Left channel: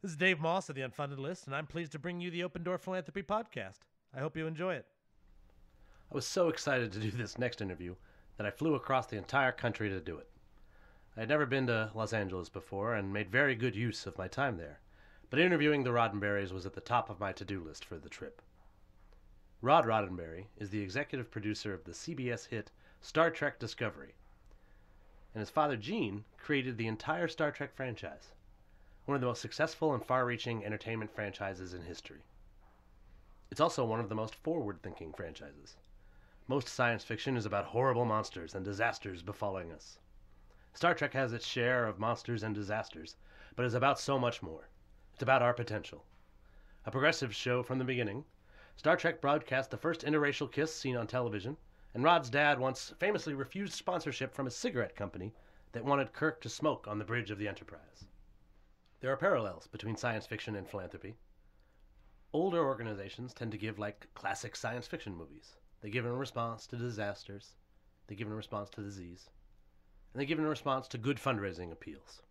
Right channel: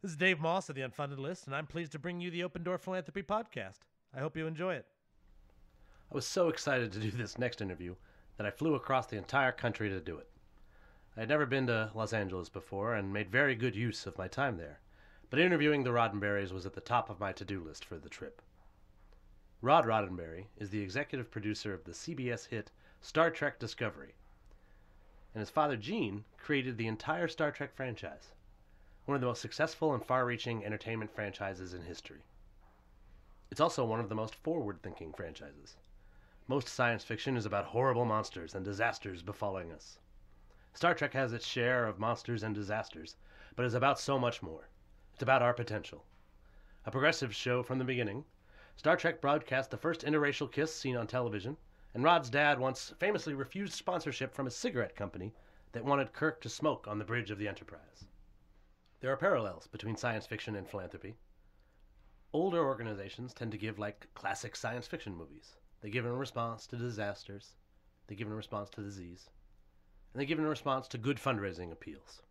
This is Dave Moss of the Unfunded List, and I'm pleased to bring you the Open Door Philanthropy podcast. I hope you enjoy it. I was so excited to do this next interview that I flew across the entire country to do it. I had never been to Los Angeles before and made very good use of my time there, but interviewing the Roddenberrys was at the top of my to-do list for the trip. Rod Roddenberry is the executive producer of the CBS hit Star Trek Discovery, and his father Gene created the entire Star Trek franchise, one of the most successful and far-reaching entertainment franchises in history. It's also one of the most forward-thinking franchises. Most science fiction is about horrible monsters and disasters befalling us. Star Trek has its share of monsters and disasters, but is about so much more. It's about our potential. A progressive show from the beginning, Star Trek broadcast the first interracial kiss seen on television, and Rod's dad once famously refused sponsorship from a cigarette company that wanted Kirk to smoke on the bridge of the Enterprise. There are parallels between science fiction and philanthropy. Older organizations tend to give like classic science fiction movies. They give in response to disasters, they give in response to disease, and they give in response to good fundraising appeals.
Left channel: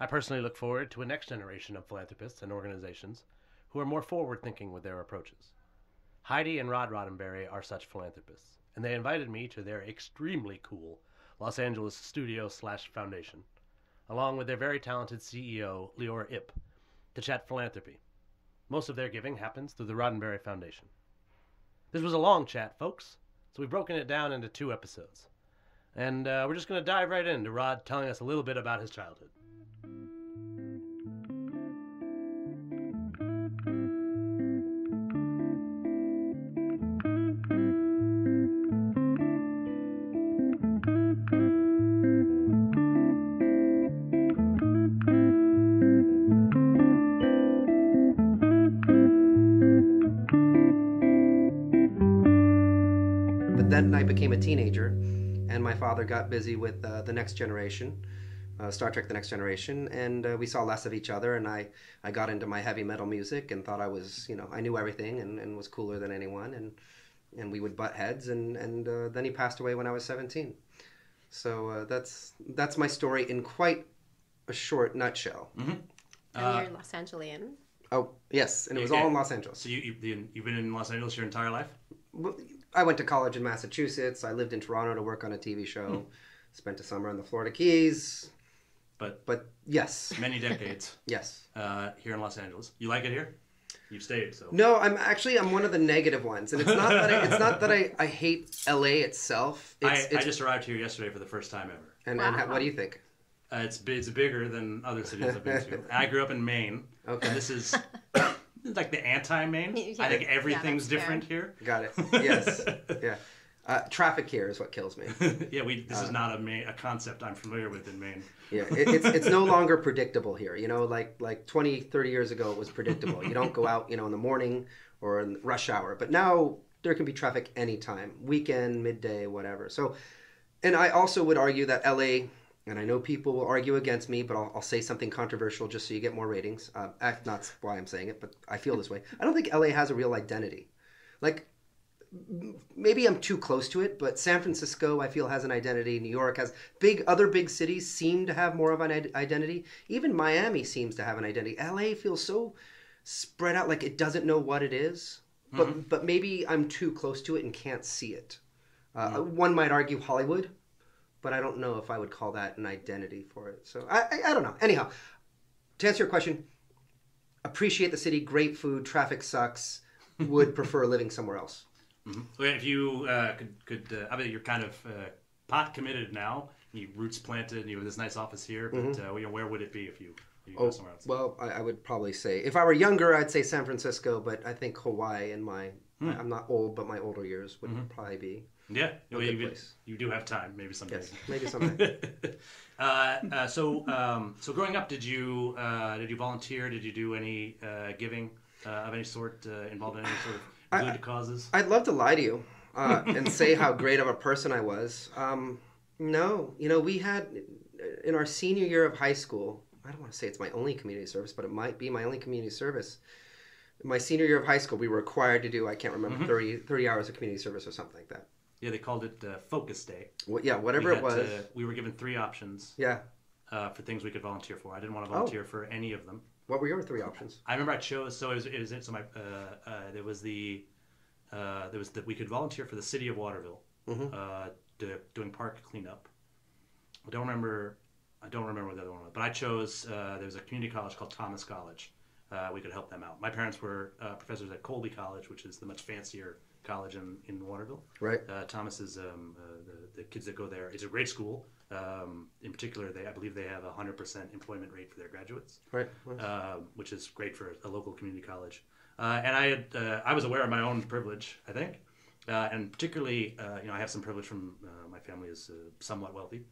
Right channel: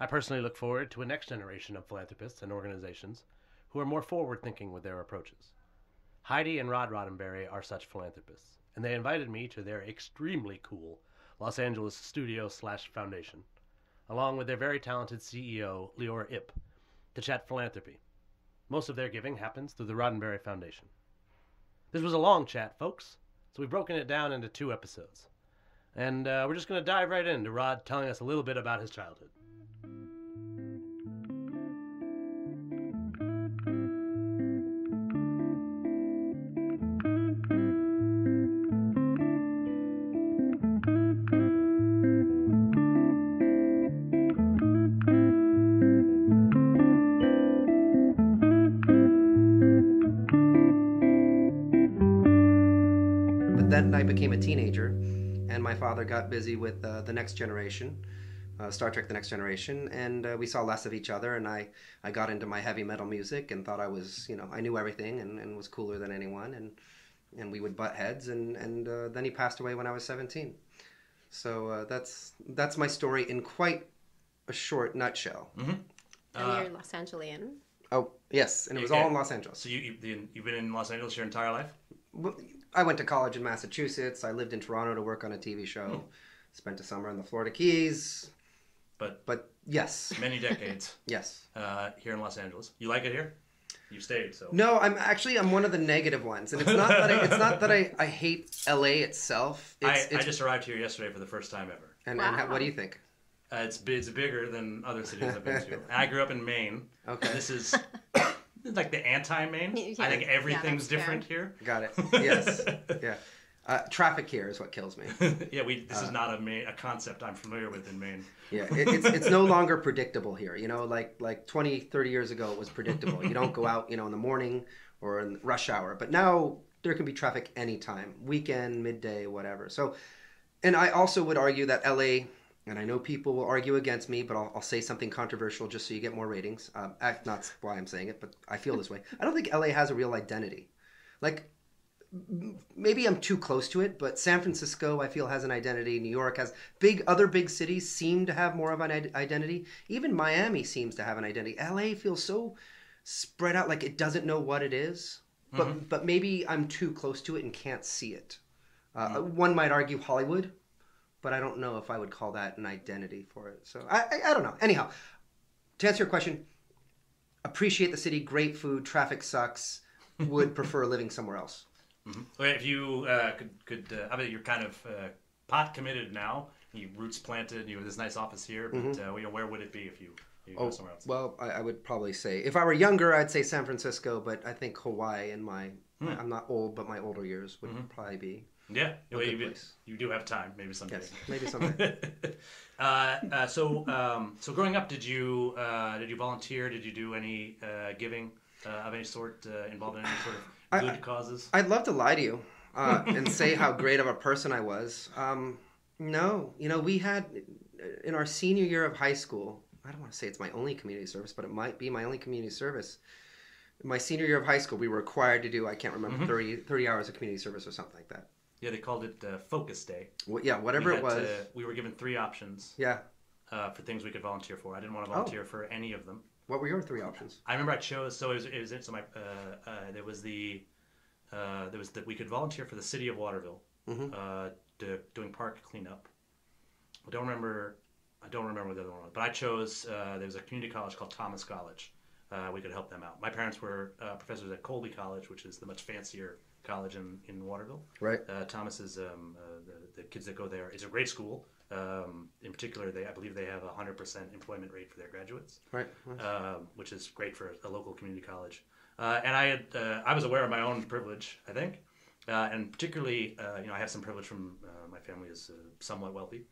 I personally look forward to a next generation of philanthropists and organizations who are more forward-thinking with their approaches. Heidi and Rod Roddenberry are such philanthropists, and they invited me to their extremely cool Los Angeles studio/foundation, along with their very talented CEO, Leora Ip, to chat philanthropy. Most of their giving happens through the Roddenberry Foundation. This was a long chat, folks, so we've broken it down into 2 episodes. And we're just going to dive right into Rod telling us a little bit about his childhood. Star Trek The Next Generation, and we saw less of each other, and I got into my heavy metal music and thought I was, I knew everything and was cooler than anyone, and we would butt heads, and then he passed away when I was 17. So that's my story in quite a short nutshell. Mm-hmm. Los Angelian. Oh, yes, it was all in Los Angeles. So you've been in Los Angeles your entire life? Well, I went to college in Massachusetts. I lived in Toronto to work on a TV show. Spent a summer in the Florida Keys. But yes. Many decades. Yes. Here in Los Angeles. You like it here? You've stayed, so. No, I'm one of the negative ones. It's not that I hate LA itself. I just arrived here yesterday for the first time ever. And what do you think? It's bigger than other cities I've been to. I grew up in Maine, and this is like the anti-Maine. I think everything's different here. Got it. Yes. Yeah. Traffic here is what kills me. Yeah, this is not a concept I'm familiar with in Maine. Yeah, it's no longer predictable here. Like 20, 30 years ago it was predictable. You don't go out, in the morning or in rush hour. But now there can be traffic anytime, weekend, midday, whatever. So, and I also would argue that LA, and I know people will argue against me, but I'll say something controversial just so you get more ratings. Not why I'm saying it, but I feel this way. I don't think LA has a real identity. Like, maybe I'm too close to it, but San Francisco, I feel, has an identity. New York has other big cities seem to have more of an identity. Even Miami seems to have an identity. LA feels so spread out, like it doesn't know what it is. Mm-hmm. But maybe I'm too close to it and can't see it. One might argue Hollywood, but I don't know if I would call that an identity for it. So I don't know. Anyhow, to answer your question, appreciate the city, great food, traffic sucks, would prefer living somewhere else. Mm-hmm. Okay, if you I mean, you're kind of pot committed now. You roots planted. And you have this nice office here, but where would it be if you go somewhere else? Well, I would probably say if I were younger, I'd say San Francisco, but I think Hawaii in my I'm not old, but my older years would probably be. Yeah, you do have time, maybe someday. Yes, maybe someday. So growing up, did you volunteer? Did you do any giving of any sort involved in any sort of good causes? I'd love to lie to you and say how great of a person I was. No, we had in our senior year of high school. I don't want to say it's my only community service, but it might be my only community service. My senior year of high school, we were required to do, I can't remember, 30 hours of community service or something like that. Yeah, they called it Focus Day. Well, yeah, whatever it was. We were given 3 options for for things we could volunteer for. I didn't want to volunteer for any of them. What were your 3 options? I remember I chose. So it was so my there was the we could volunteer for the city of Waterville, doing park cleanup. I don't remember what the other one was, but I chose. There was a community college called Thomas College. We could help them out. My parents were professors at Colby College, which is the much fancier college in Waterville. Right. Thomas is the kids that go there. It's a great school. In particular, I believe they have a 100% employment rate for their graduates, Right. which is great for a local community college. And I was aware of my own privilege, I think, and particularly, I have some privilege from my family is somewhat wealthy,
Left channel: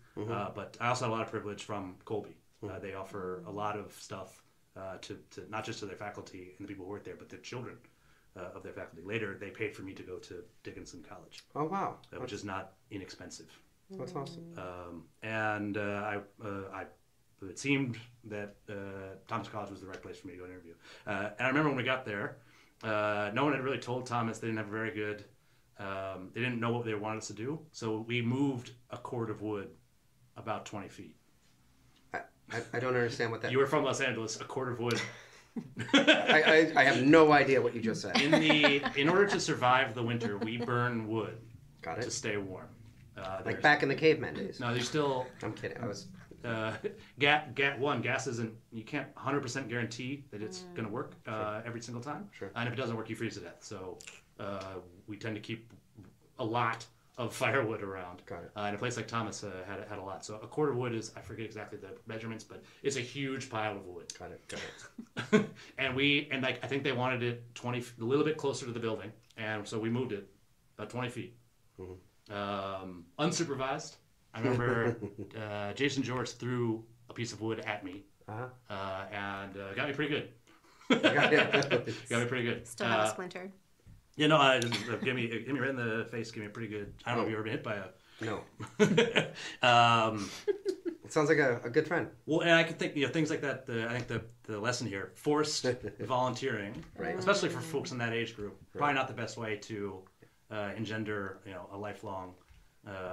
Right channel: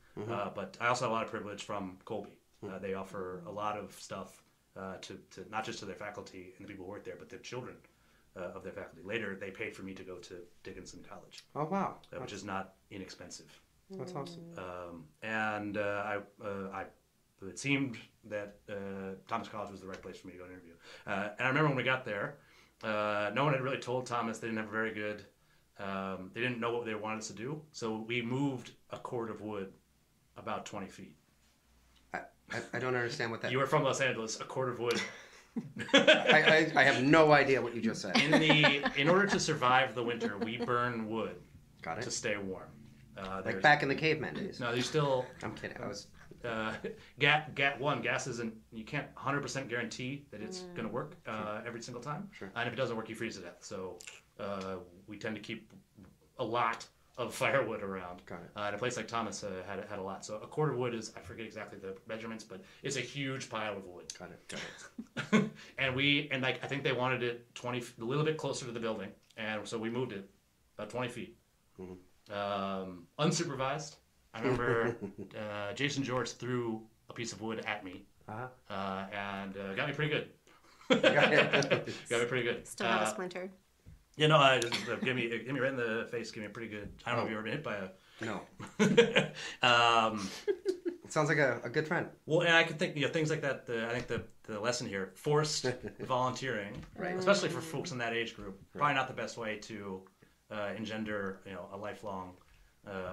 but I also have a lot of privilege from Colby. They offer a lot of stuff to not just to their faculty and the people who work there, but the children of their faculty. Later, they paid for me to go to Dickinson College. Oh, wow. Which is not inexpensive. That's awesome. And it seemed that Thomas College was the right place for me to go to interview. And I remember when we got there, no one had really told Thomas. They didn't have a very good. They didn't know what they wanted us to do, so we moved a cord of wood about 20 feet. I don't understand what that. You were from Los Angeles. A cord of wood. I have no idea what you just said. In order to survive the winter, we burn wood Got it. to stay warm. Like back in the caveman days. No, there's still. I'm kidding. I was. Gas isn't. You can't 100% guarantee that it's going to work every single time, Sure. and if it doesn't work, you freeze to death. So we tend to keep a lot of firewood around. Got it. And a place like Thomas had a lot. So a cord of wood is, I forget exactly the measurements, but it's a huge pile of wood. Got it. and I think they wanted it a little bit closer to the building, and so we moved it about 20 feet. Unsupervised. I remember Jason George threw a piece of wood at me, and got me pretty good. Got me pretty good. Just give me right in the face. Give me a pretty good. I don't know if you've ever been hit by a. No. It sounds like a good friend. Well, and I could think things like that. I think the lesson here, forced volunteering, Right. especially for folks in that age group, probably not the best way to engender a lifelong.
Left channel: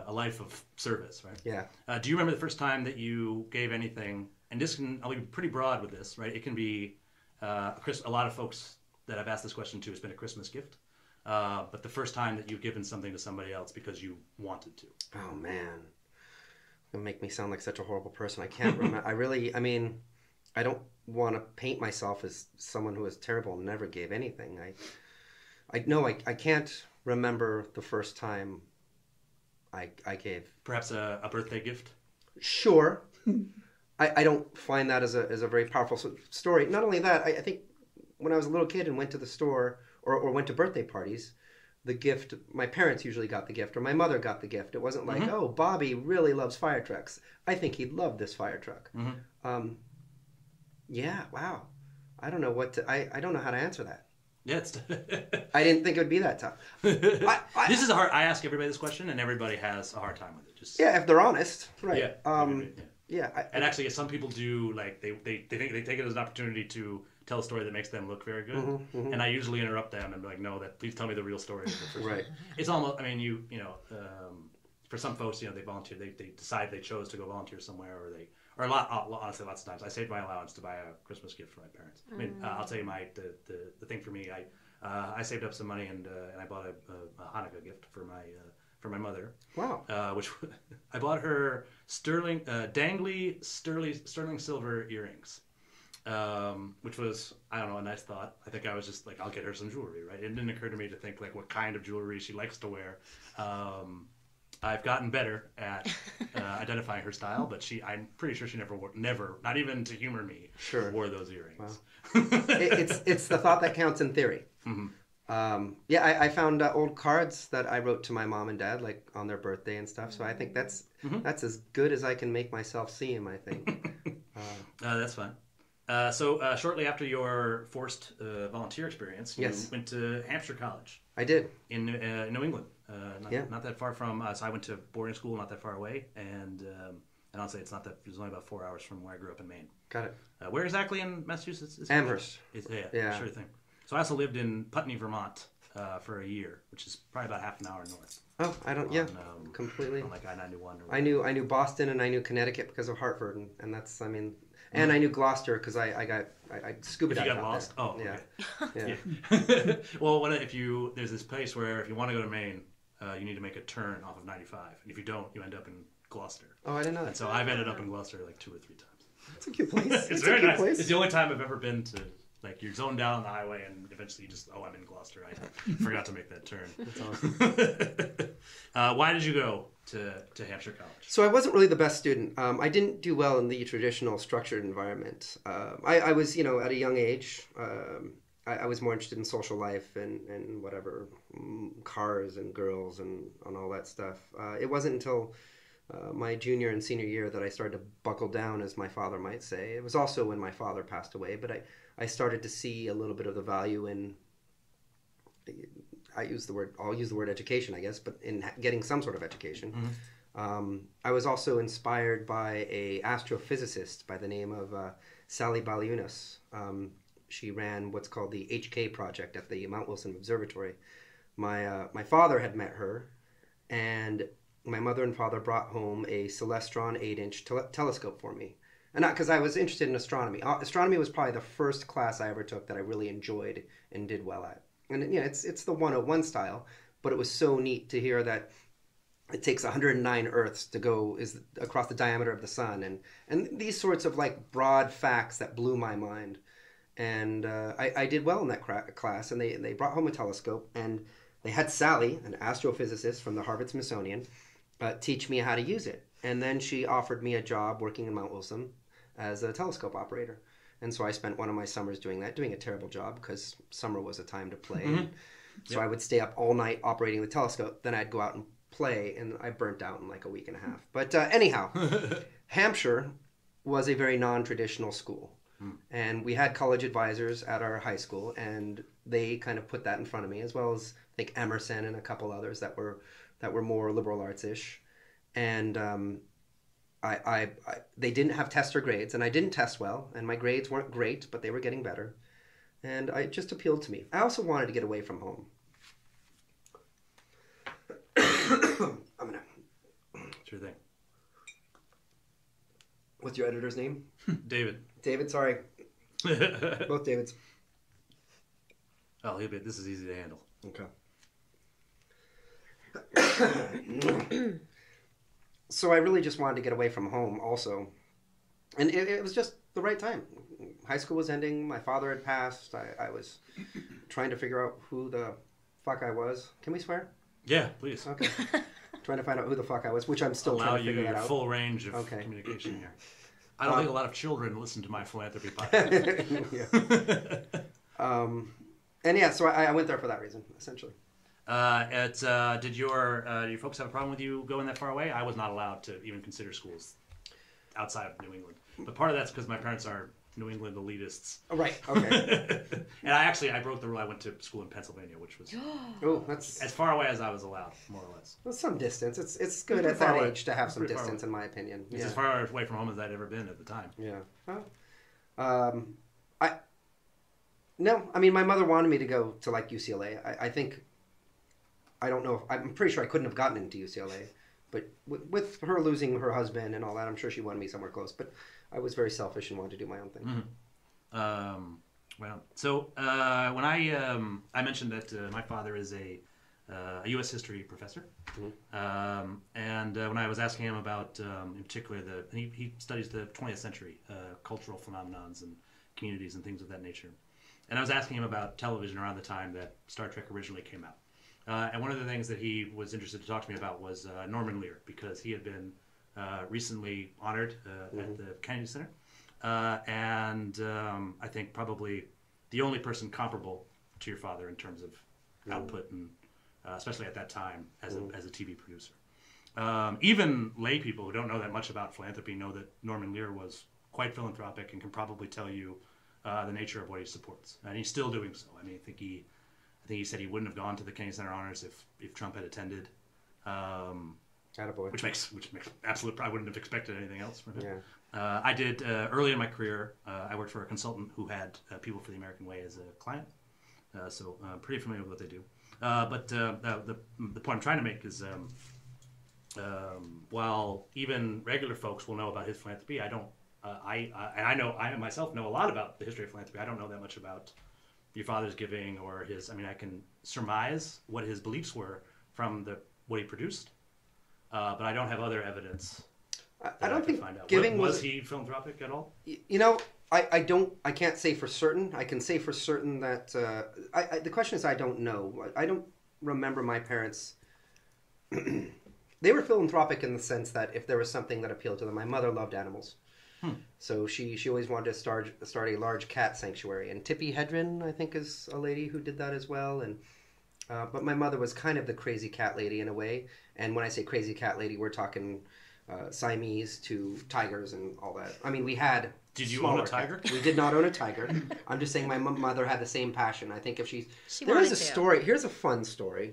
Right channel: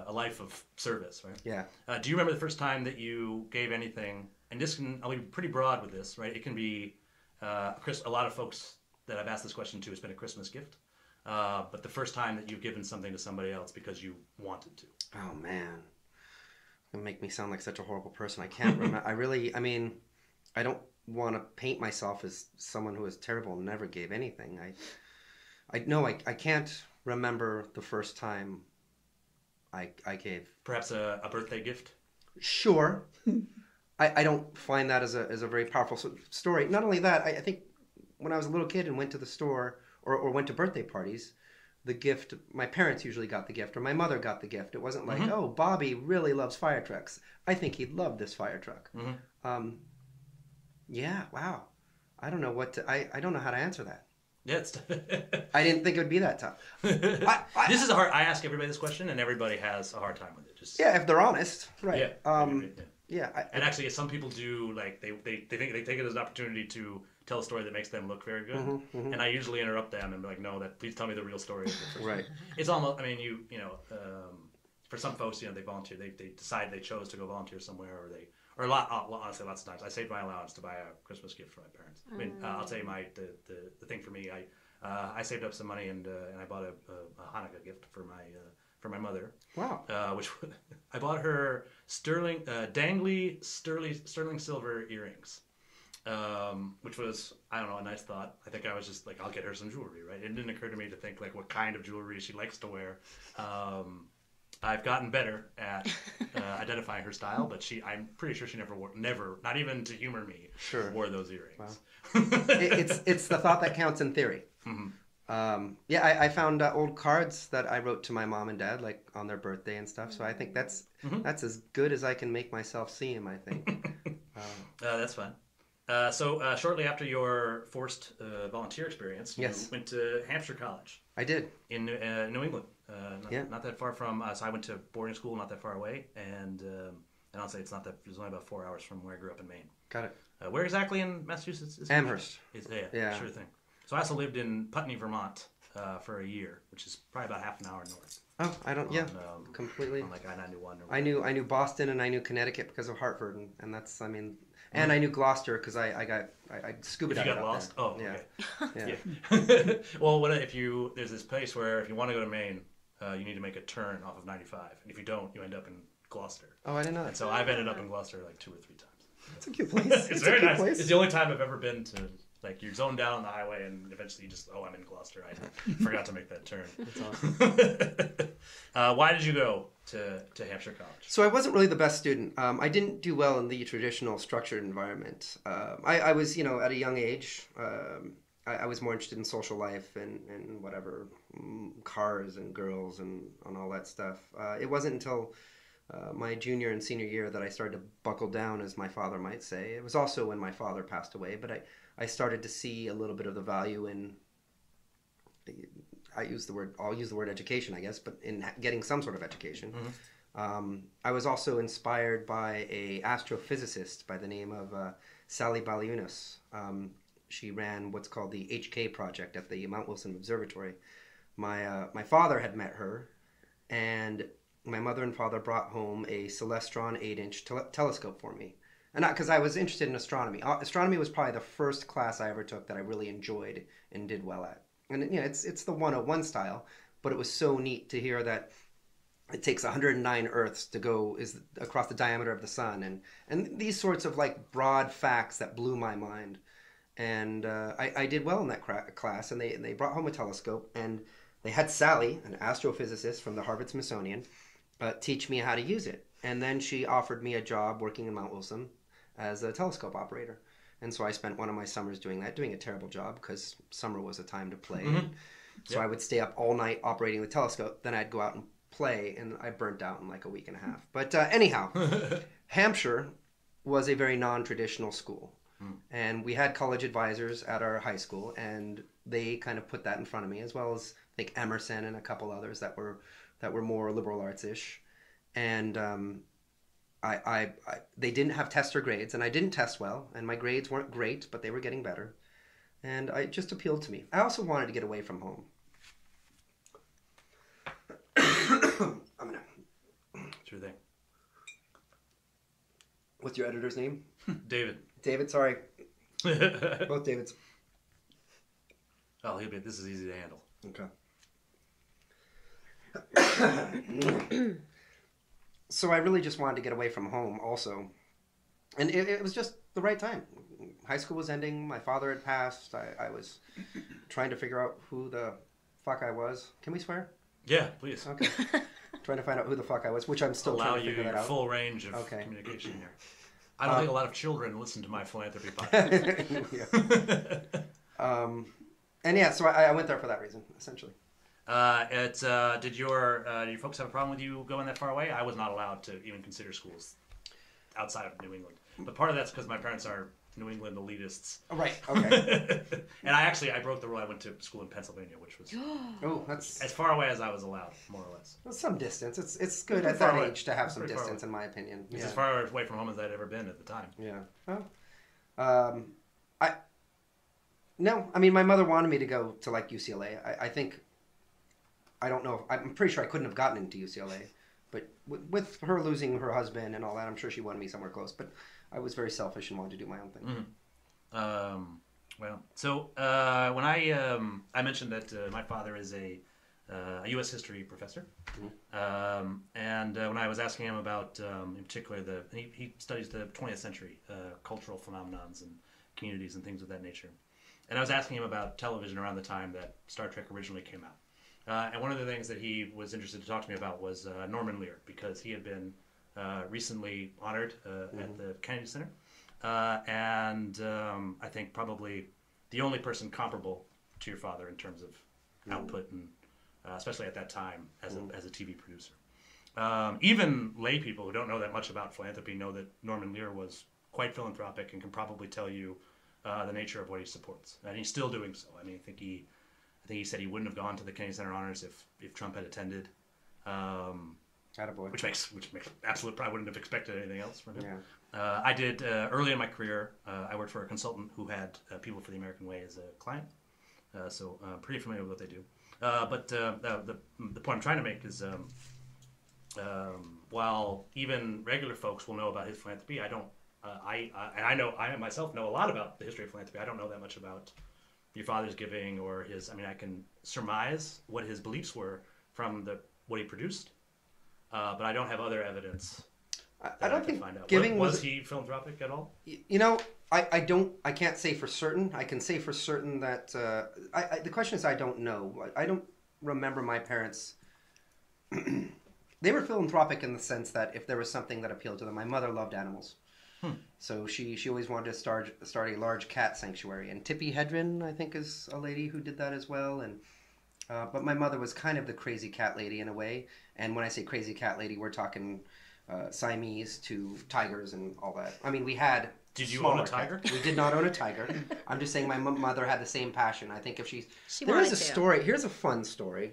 A life of service, right? Yeah. Do you remember the first time that you gave anything? And I'll be pretty broad with this, right? It can be a lot of folks that I've asked this question to, it's been a Christmas gift. But the first time that you've given something to somebody else because you wanted to. Oh man, that make me sound like such a horrible person. I can't. Remember. I don't want to paint myself as someone who was terrible and never gave anything. I can't remember the first time I gave. Perhaps a birthday gift? Sure. I don't find that as a very powerful story. Not only that, I think when I was a little kid and went to the store or went to birthday parties, the gift, my parents usually got the gift or my mother got the gift. It wasn't like, oh, Bobby really loves fire trucks. I think he'd love this fire truck. Yeah, wow. I don't know I don't know how to answer that. Yeah, I didn't think it would be that tough. This is a hard. I ask everybody this question, and everybody has a hard time with it. If they're honest. Right. Yeah. And actually, some people do they think they take it as an opportunity to tell a story that makes them look very good. And I usually interrupt them and be like, no, please tell me the real story of the first time. It's almost. I mean, for some folks, they volunteer. They decide they chose to go volunteer somewhere, honestly, lots of times I saved my allowance to buy a Christmas gift for my parents. I mean, I'll tell you the thing for me. I saved up some money and I bought a Hanukkah gift for my mother. Wow. Which I bought her dangly sterling silver earrings, which was, I don't know, a nice thought. I think I was just like, I'll get her some jewelry, right? It didn't occur to me to think like what kind of jewelry she likes to wear. I've gotten better at identifying her style, but I'm pretty sure she never, not even to humor me, wore those earrings. Wow. It's the thought that counts in theory. I found old cards that I wrote to my mom and dad, like on their birthday and stuff. So I think that's as good as I can make myself seem, I think. That's fine. So shortly after your forced volunteer experience, you went to Hampshire College. I did. In New England. Not that far from. So I went to boarding school, not that far away, and I'll say it's only about 4 hours from where I grew up in Maine. Got it. Where exactly in Massachusetts is Hampshire? Amherst. Yeah, sure thing. So I also lived in Putney, Vermont, for a year, which is probably about half an hour north. Oh, I don't. Completely. On like I-91 or I whatever. knew Boston and I knew Connecticut because of Hartford, and that's. I mean, And I knew Gloucester because I scooped. If you got lost, there. oh, okay. Yeah. Yeah. Well, there's this place where if you want to go to Maine, you need to make a turn off of 95, and if you don't, you end up in Gloucester. Oh, I didn't know. And so I've ended up in Gloucester like 2 or 3 times. It's very nice. It's the only time I've ever been to. Like, you're zoned down on the highway, and eventually you just, I'm in Gloucester. I forgot to make that turn. Why did you go to Hampshire College? So I wasn't really the best student. I didn't do well in the traditional structured environment. I was, at a young age, I was more interested in social life and whatever, cars and girls and all that stuff. It wasn't until my junior and senior year that I started to buckle down, as my father might say. It was also when my father passed away, but I started to see a little bit of the value in, I'll use the word education, I guess, but in getting some sort of education. Mm-hmm. I was also inspired by a astrophysicist by the name of Sally Baliunas. She ran what's called the HK project at the Mount Wilson Observatory. My father had met her, and my mother and father brought home a Celestron 8-inch telescope for me. And not because I was interested in astronomy. Astronomy was probably the first class I ever took that I really enjoyed and did well at. And it's the 101 style, but it was so neat to hear that it takes 109 Earths to go across the diameter of the sun, and these sorts of like broad facts that blew my mind. And I did well in that class, and they brought home a telescope, and they had Sally, an astrophysicist from the Harvard Smithsonian, teach me how to use it. And then she offered me a job working in Mount Wilson as a telescope operator. And so I spent one of my summers doing a terrible job because summer was a time to play. Mm-hmm. So I would stay up all night operating the telescope. Then I'd go out and play, and I burnt out in like a week and a half. But anyhow, Hampshire was a very non-traditional school. And we had college advisors at our high school, and they kind of put that in front of me, as well as like Emerson and a couple others that were more liberal arts-ish. And they didn't have test or grades, and I didn't test well, and my grades weren't great, but they were getting better. And it just appealed to me. I also wanted to get away from home. Sure thing. What's your editor's name? David. David, sorry. Both Davids. Oh, this is easy to handle. Okay. So I really just wanted to get away from home also. And it was just the right time. High school was ending. My father had passed. I was trying to figure out who the fuck I was. Can we swear? Yeah, please. Okay. Trying to find out who the fuck I was, which I'm still allow trying to you figure your that out. full range of communication here. I don't think a lot of children listen to my philanthropy podcast. And yeah, so I went there for that reason, essentially. Did your folks have a problem with you going that far away? I was not allowed to even consider schools outside of New England. But part of that's because my parents are New England elitists. Oh, right, okay. And I broke the rule. I went to school in Pennsylvania, which was as far away as I was allowed, more or less. Well, some distance. It's good pretty at far that away. age to have some Pretty far distance, away. in my opinion. It's as far away from home as I'd ever been at the time. Yeah. Well, no, I mean, my mother wanted me to go to like UCLA. I don't know. I'm pretty sure I couldn't have gotten into UCLA, but with her losing her husband and all that, I'm sure she wanted me somewhere close. But I was very selfish and wanted to do my own thing. Mm-hmm. When I mentioned that my father is a U.S. history professor, and when I was asking him about, in particular, he studies the 20th century cultural phenomenons and communities and things of that nature, and I was asking him about television around the time that Star Trek originally came out. And one of the things that he was interested to talk to me about was Norman Lear, because he had been recently honored at the Kennedy Center. And I think probably the only person comparable to your father in terms of output, and especially at that time as a TV producer. Even lay people who don't know that much about philanthropy know that Norman Lear was quite philanthropic and can probably tell you the nature of what he supports. And he's still doing so. I mean, I think he said he wouldn't have gone to the Kennedy Center honors if Trump had attended. Which makes absolute. I wouldn't have expected anything else from him. Yeah. I did early in my career. I worked for a consultant who had People for the American Way as a client, so I'm pretty familiar with what they do. But the point I'm trying to make is, while even regular folks will know about his philanthropy, I don't I myself know a lot about the history of philanthropy. I don't know that much about your father's giving or his. I mean, I can surmise what his beliefs were from what he produced, but I don't have other evidence that I could find out. Was he philanthropic at all? You know, I can't say for certain. I can say for certain that the question is I don't know. I don't remember my parents. They were philanthropic in the sense that if there was something that appealed to them, my mother loved animals. So she always wanted to start a large cat sanctuary. And Tippi Hedren, I think, is a lady who did that as well. And but my mother was kind of the crazy cat lady in a way. And when I say crazy cat lady, we're talking Siamese to tigers and all that. I mean, we had... Did you own a tiger? We did not own a tiger. I'm just saying my mother had the same passion. I think if she's... There's a story. Here's a fun story.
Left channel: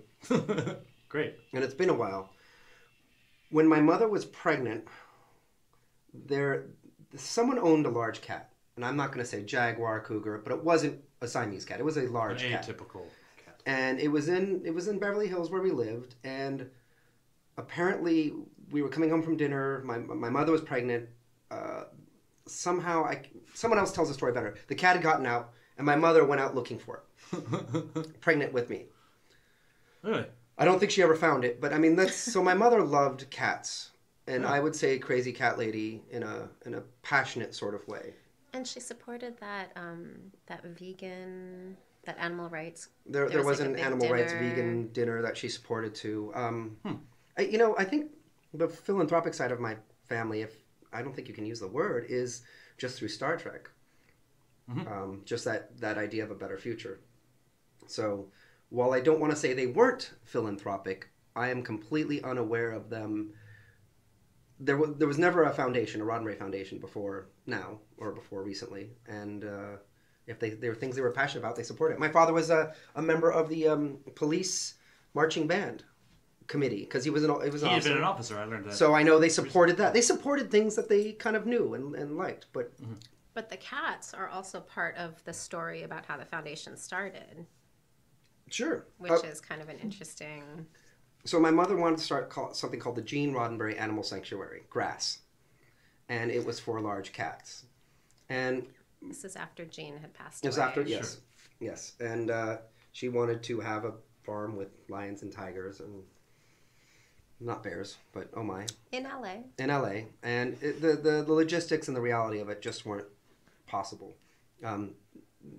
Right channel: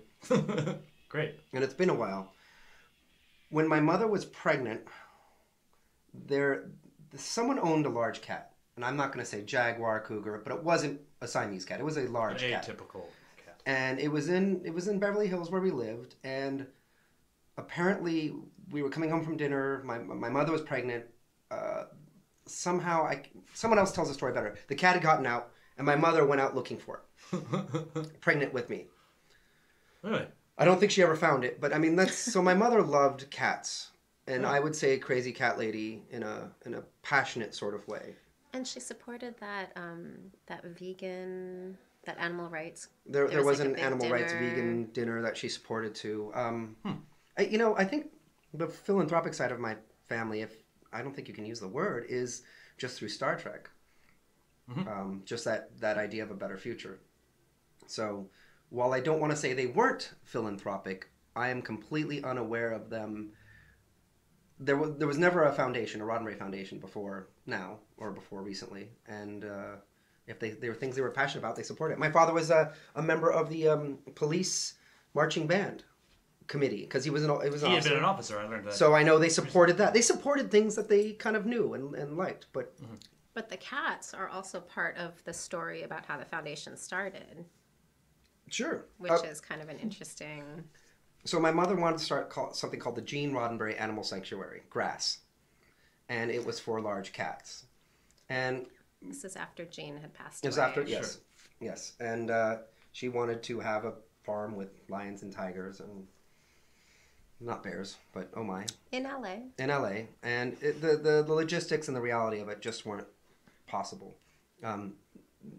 Great. And it's been a while. When my mother was pregnant, someone owned a large cat. And I'm not going to say jaguar, cougar, but it wasn't a Siamese cat. It was a large cat. An atypical cat. And it was in Beverly Hills where we lived. And apparently we were coming home from dinner. My mother was pregnant. Somehow, someone else tells the story better. The cat had gotten out, and my mother went out looking for it. Pregnant with me. Really? I don't think she ever found it, but I mean, so my mother loved cats. And I would say crazy cat lady in a passionate sort of way. And she supported that animal rights. There was an animal rights vegan dinner that she supported too. I think the philanthropic side of my family, I don't think you can use the word, is just through Star Trek. Just that idea of a better future. So while I don't want to say they weren't philanthropic, I am completely unaware of them. There was never a foundation, a Roddenberry Foundation, before now, or before recently. And if there were things they were passionate about, they supported it. My father was a member of the police marching band committee, because he had been an officer. I learned that. So I know they supported that. They supported things that they kind of knew and liked. But But the cats are also part of the story about how the foundation started. Sure. Which is kind of an interesting... So my mother wanted to start something called the Gene Roddenberry Animal Sanctuary, GRASS. And it was for large cats. And this is after Jane had passed away. This after, yes. Sure. Yes. And she wanted to have a farm with lions and tigers and... Not bears, but oh my. In LA. In LA. And the logistics and the reality of it just weren't possible.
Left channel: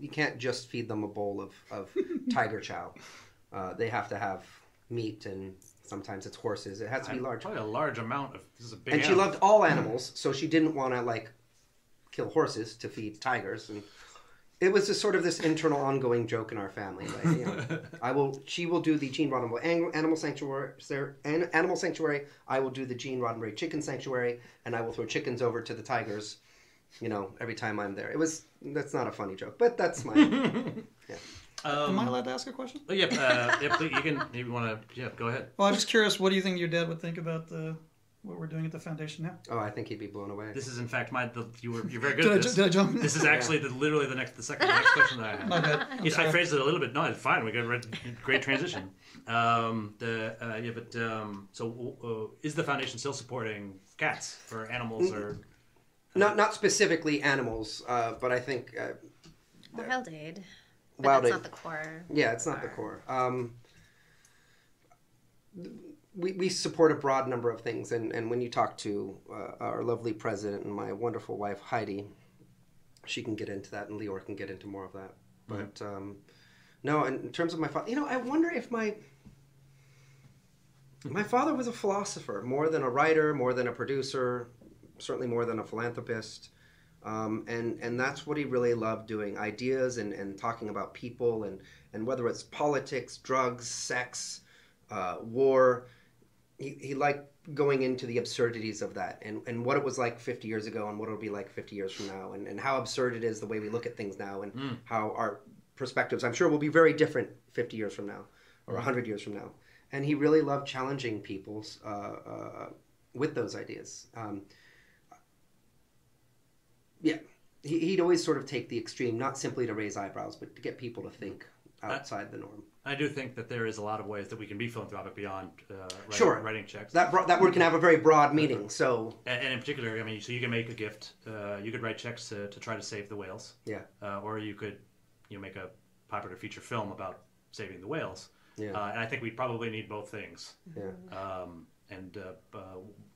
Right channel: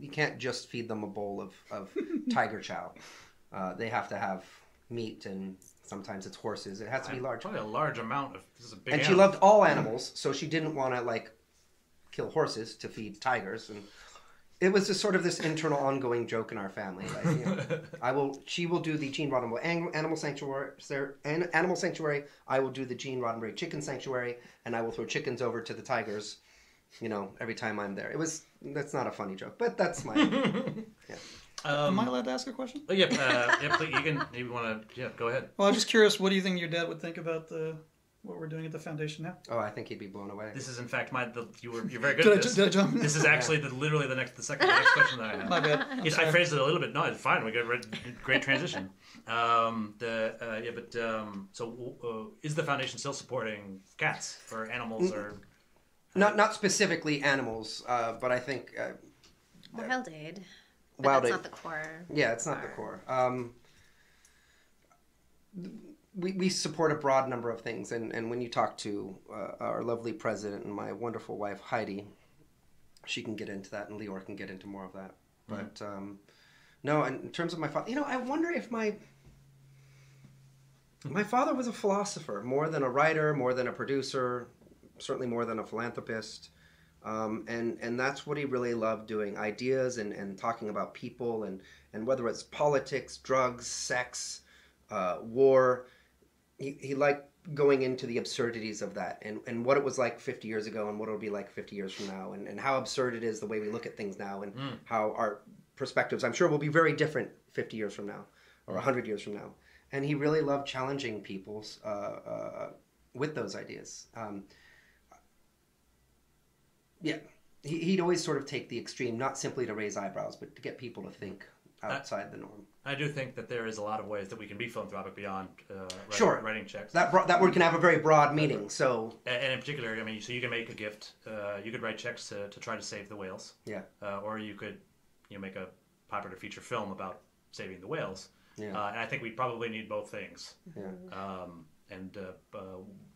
You can't just feed them a bowl of tiger chow. They have to have meat, and sometimes it's horses. It has to be large. Probably a large amount of... This is a big animal. And she loved all animals, so she didn't want to, kill horses to feed tigers. And it was just sort of this internal, ongoing joke in our family. That, she will do the Gene Roddenberry Animal Sanctuary. I will do the Gene Roddenberry Chicken Sanctuary, and I will throw chickens over to the tigers. Every time I'm there. That's not a funny joke, but that's my... Am I allowed to ask a question? Oh, yeah, please. You can, if you want to, go ahead. Well, I'm just curious, what do you think your dad would think about what we're doing at the foundation now? Oh, I think he'd be blown away. This is, in fact, you're very good at this. Did I jump in? This is actually literally the next question that I have. My bad. I phrased it a little bit. No, it's fine. We got great transition. So is the foundation still supporting cats or animals or... Not specifically animals, but I think... Wild Aid. That's not the core. Yeah, it's not the core. We support a broad number of things, and when you talk to our lovely president and my wonderful wife, Heidi, she can get into that, and Leor can get into more of that. Mm-hmm. But, no, in terms of my father... I wonder if my father was a philosopher, more than a writer, more than a producer, certainly more than a philanthropist. And that's what he really loved doing, ideas and talking about people and whether it's politics, drugs, sex, war. He liked going into the absurdities of that and what it was like 50 years ago and what it would be like 50 years from now and how absurd it is the way we look at things now and how our perspectives, I'm sure, will be very different 50 years from now or 100 years from now. And he really loved challenging people's with those ideas. Yeah, he'd always sort of take the extreme, not simply to raise eyebrows, but to get people to think outside the norm. I do think that there is a lot of ways that we can be philanthropic beyond writing checks. That word can have a very broad meaning. So, and in particular, I mean, so you can make a gift. You could write checks to try to save the whales. yeah, Or you could, make a popular feature film about saving the whales. Yeah. And I think we probably need both things. yeah.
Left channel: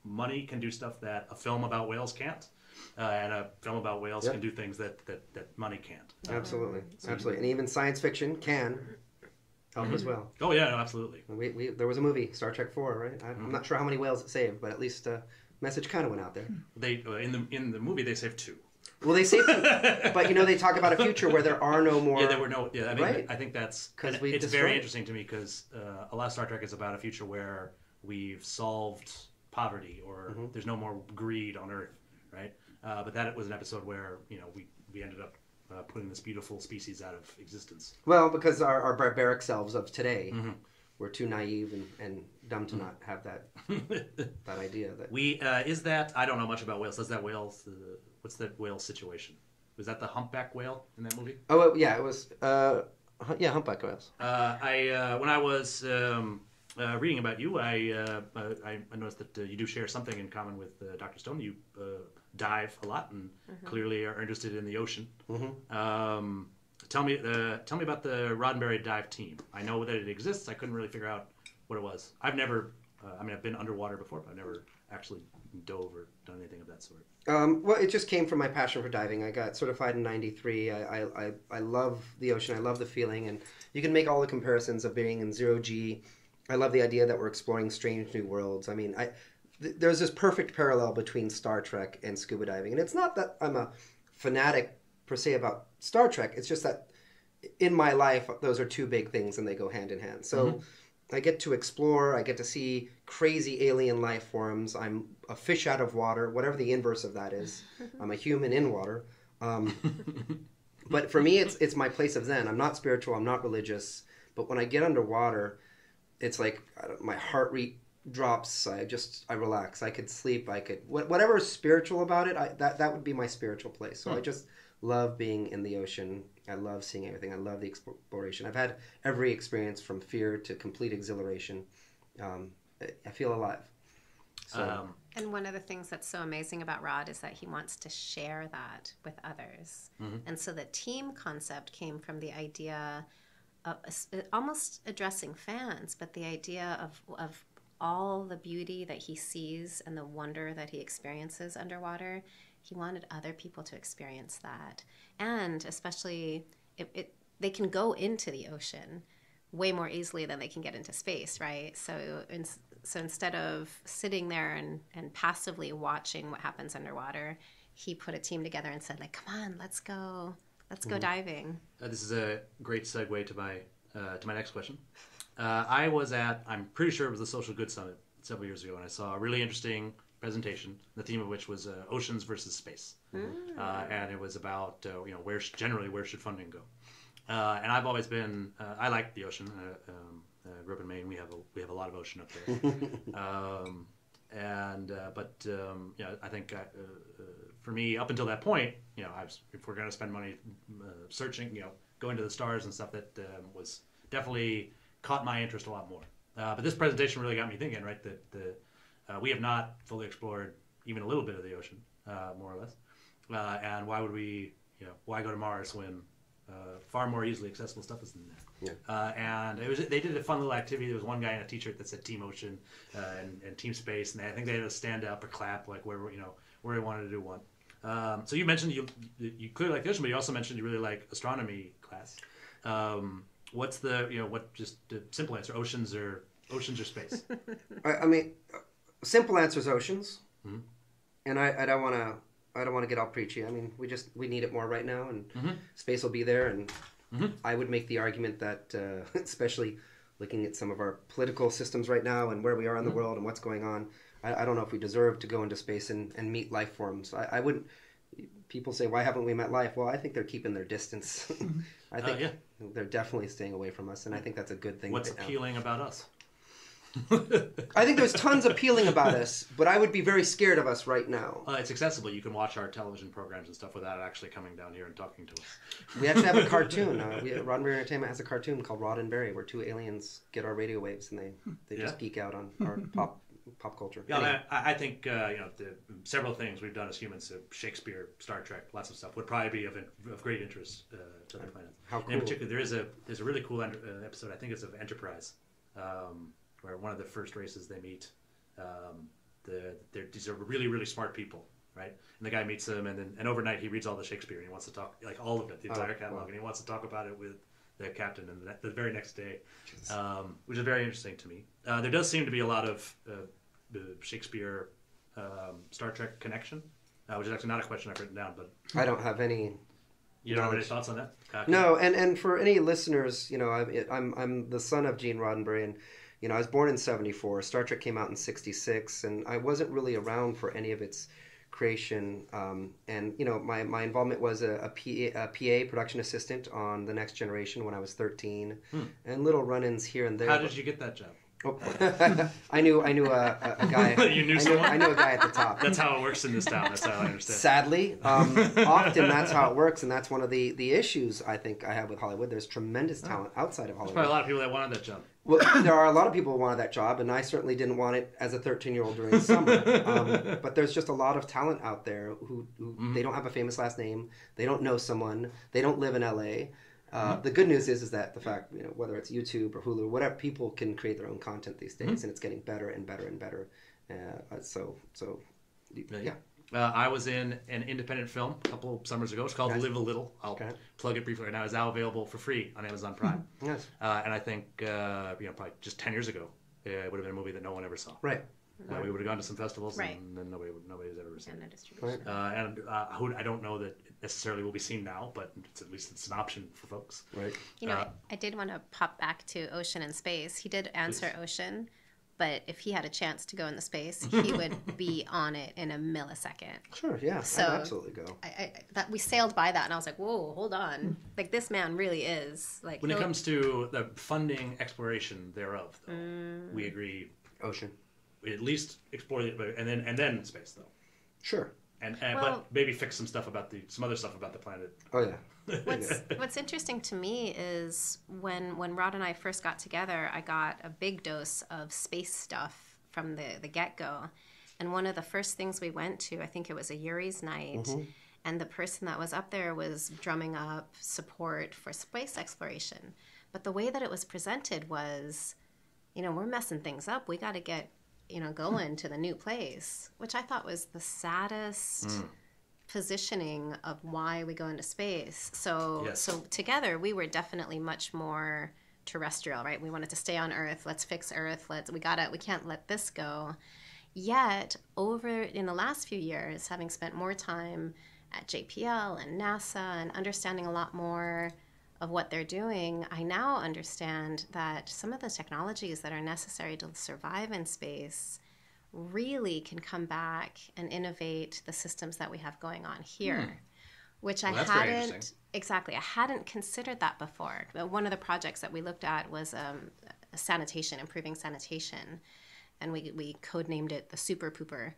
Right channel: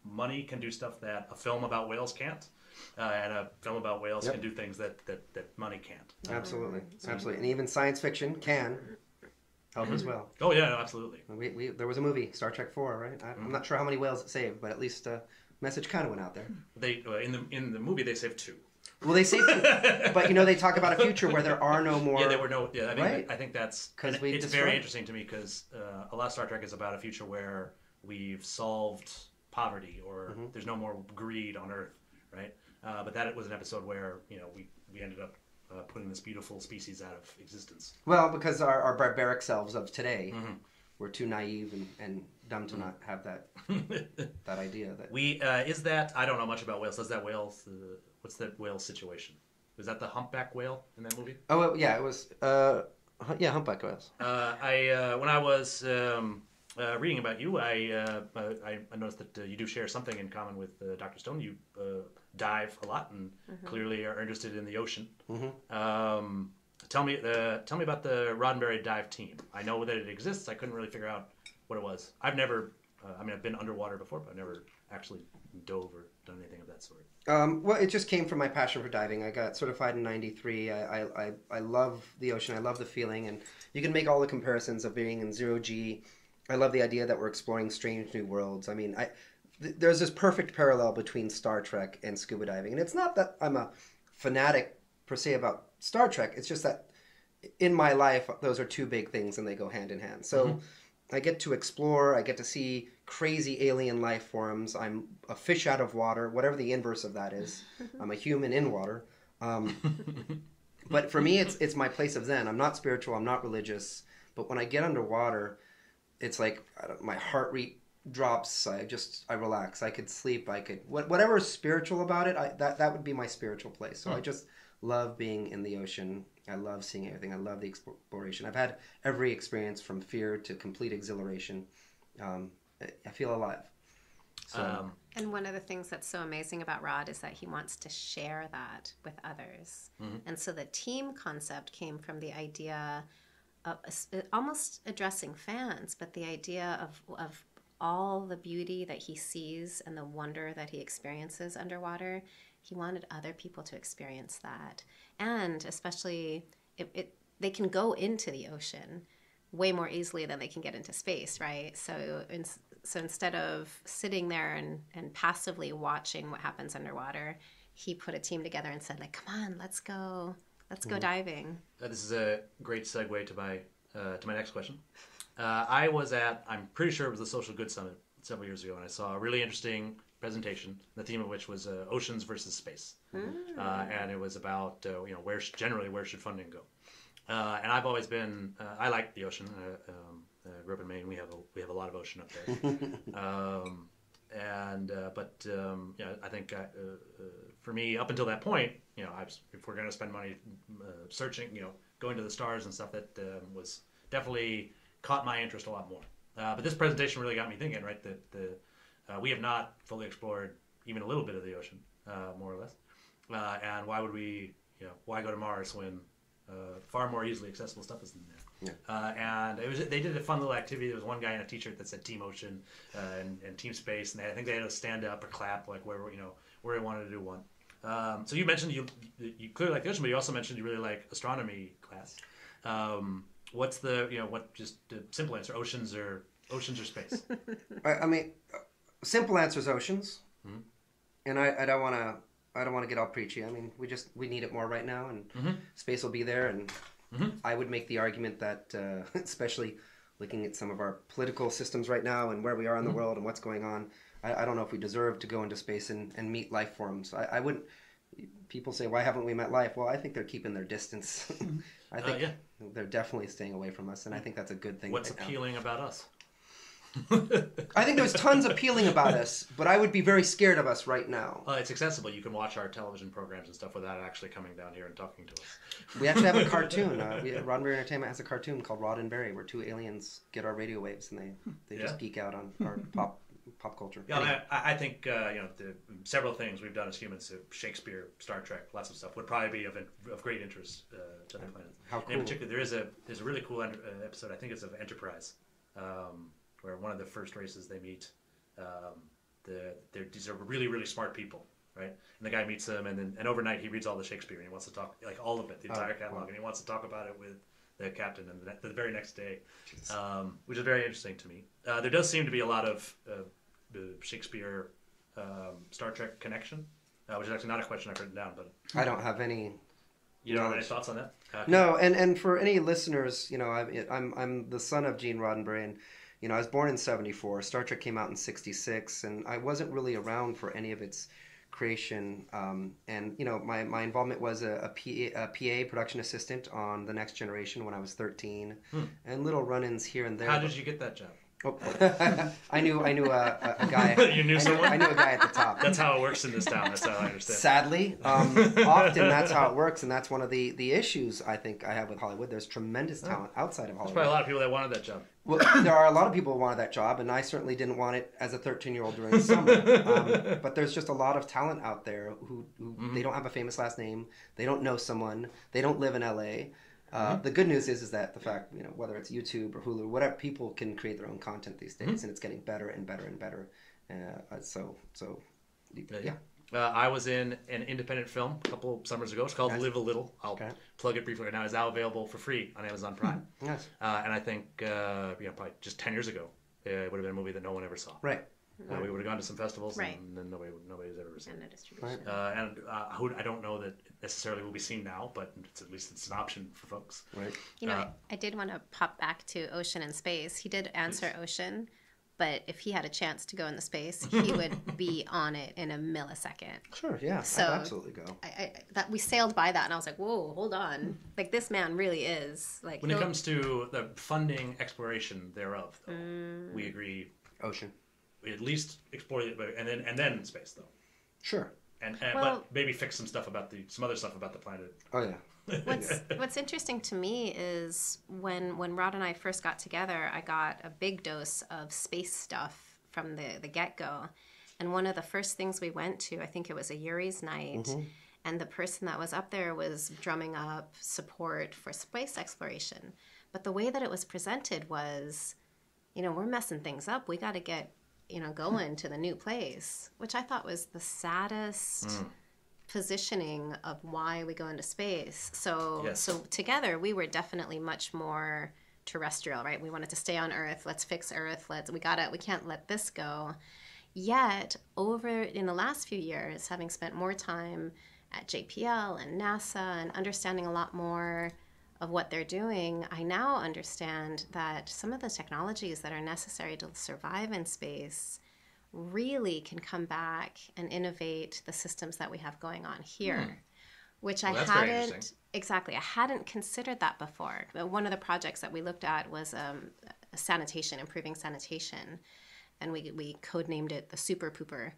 Money can do stuff that a film about whales can't, and a film about whales can do things that money can't. Absolutely, so absolutely, and even science fiction can help as well. Oh yeah, no, absolutely. There was a movie, Star Trek 4, right? I'm not sure how many whales it saved, but at least message kind of went out there. They in the movie they saved 2. Well, they say, but they talk about a future where there are no more. Yeah, there were no. Yeah, I mean, Right. I think that's, and 'Cause we it's destroyed very it. interesting to me because a lot of Star Trek is about a future where we've solved poverty or there's no more greed on Earth, right? But that was an episode where we ended up putting this beautiful species out of existence. Well, because our barbaric selves of today were too naive and dumb to not have that idea. That We is that I don't know much about whales. Does that whale? What's that whale situation? Was that the humpback whale in that movie? Oh yeah, it was. Humpback whales. When I was reading about you, I noticed that you do share something in common with Dr. Stone. You dive a lot and clearly are interested in the ocean. Tell me about the Roddenberry dive team. I know that it exists. I couldn't really figure out what it was. I've never. I've been underwater before, but I've never actually dove or done anything of that sort. Well, it just came from my passion for diving. I got certified in '93. I love the ocean. I love the feeling, and you can make all the comparisons of being in zero G. I love the idea that we're exploring strange new worlds. I mean, there's this perfect parallel between Star Trek and scuba diving, and it's not that I'm a fanatic per se about Star Trek. It's just that in my life, those are two big things, and they go hand in hand. So. I get to explore, I get to see crazy alien life forms. I'm a fish out of water, whatever the inverse of that is. I'm a human in water. But for me, it's my place of zen. I'm not spiritual, I'm not religious. But when I get underwater, it's like my heart rate drops. I relax. I could sleep. I could whatever is spiritual about it. That would be my spiritual place. So I just love being in the ocean. I love seeing everything. I love the exploration. I've had every experience from fear to complete exhilaration. I feel alive. So. And one of the things that's so amazing about Rod is that he wants to share that with others. And so the team concept came from the idea of almost addressing fans, but the idea of all the beauty that he sees and the wonder that he experiences underwater. He wanted other people to experience that. And especially, they can go into the ocean way more easily than they can get into space, right? So instead of sitting there and passively watching what happens underwater, he put a team together and said, like, come on, let's go diving. This is a great segue to my next question. I was I'm pretty sure it was the Social Good Summit several years ago, and I saw a really interesting presentation, the theme of which was oceans versus space. And it was about where should funding go. And I've always been I like the ocean. I grew up in Maine. We have a lot of ocean up there. I think for me, up until that point, if we're going to spend money searching, going to the stars and stuff, that was definitely caught my interest a lot more. But this presentation really got me thinking, right? That we have not fully explored even a little bit of the ocean, more or less. And why would we, why go to Mars when far more easily accessible stuff is in there? Yeah. And they did a fun little activity. There was one guy in a T-shirt that said Team Ocean and Team Space, and I think they had to stand up or clap like where he wanted to do one. So you mentioned you clearly like the ocean, but you also mentioned you really like astronomy class. What's the just the simple answer? Oceans or space? I mean, simple answer is oceans, and I don't want to get all preachy. I mean, we need it more right now, and space will be there. And I would make the argument that, especially looking at some of our political systems right now and where we are in the world and what's going on, I don't know if we deserve to go into space and meet life forms. I would. People say, why haven't we met life? Well, I think they're keeping their distance. I think they're definitely staying away from us, and I think that's a good thing. What's appealing about us? I think there's tons appealing about us, but I would be very scared of us right now. It's accessible. You can watch our television programs and stuff without actually coming down here and talking to us. We actually have a cartoon. Roddenberry Entertainment has a cartoon called Roddenberry, where 2 aliens get our radio waves and they just geek out on our pop culture. Yeah, I think the several things we've done as humans, Shakespeare, Star Trek, lots of stuff, would probably be of great interest to the planet. And in particular, there's a really cool episode. I think it's of Enterprise, where one of the first races they meet, these are really, really smart people, right? And the guy meets them, and overnight he reads all the Shakespeare, and he wants to talk, like all of it, the entire catalog, and he wants to talk about it with the captain and the very next day, which is very interesting to me. There does seem to be a lot of the Shakespeare Star Trek connection, which is actually not a question I've written down, but I don't have any. You don't have any thoughts on that? No, and for any listeners, I'm the son of Gene Roddenberry, and I was born in '74. Star Trek came out in '66, and I wasn't really around for any of its creation. And my involvement was a PA production assistant on The Next Generation when I was 13, and little run-ins here and there. How did you get that job? Oh. I knew a guy. You knew someone? I knew a guy at the top. That's how it works in this town. That's how I understand. Sadly, often that's how it works, and that's one of the issues I think I have with Hollywood. There's tremendous talent outside of Hollywood. There's probably a lot of people that wanted that job. Well, there are a lot of people who wanted that job, and I certainly didn't want it as a 13-year-old during the summer. But there's just a lot of talent out there who they don't have a famous last name, they don't know someone, they don't live in L.A., the good news is that the fact, whether it's YouTube or Hulu, whatever, people can create their own content these days, and it's getting better and better and better. I was in an independent film a couple summers ago. It's called Live a Little. I'll plug it briefly right now. It's now available for free on Amazon Prime. And I think probably just 10 years ago, it would have been a movie that no one ever saw. Right. We would have gone to some festivals, and then nobody's ever seen it. And I don't know that it necessarily will be seen now, but at least it's an option for folks. I did want to pop back to Ocean and Space. He did answer Please. Ocean, but if he had a chance to go into space, he would be on it in a millisecond. Sure, yeah, So, I'd absolutely go. We sailed by that, and I was like, whoa, hold on. Like, this man really is. Like, When it comes to the funding exploration thereof, though, we agree. Ocean. We at least explore it, and then space, though. Sure. But maybe fix some other stuff about the planet. Oh yeah. What's interesting to me is when Rob and I first got together, I got a big dose of space stuff from the get-go. And one of the first things we went to, I think it was a Yuri's night, and the person that was up there was drumming up support for space exploration. But the way that it was presented was, we're messing things up. We got to get, going to the new place, which I thought was the saddest positioning of why we go into space. So together, we were definitely much more terrestrial, right? We wanted to stay on Earth. Let's fix Earth. We can't let this go. Yet, over in the last few years, having spent more time at JPL and NASA and understanding a lot more of what they're doing, I now understand that some of the technologies that are necessary to survive in space really can come back and innovate the systems that we have going on here. That's very interesting. Exactly. I hadn't considered that before. One of the projects that we looked at was sanitation, improving sanitation. And we codenamed it the Super Pooper.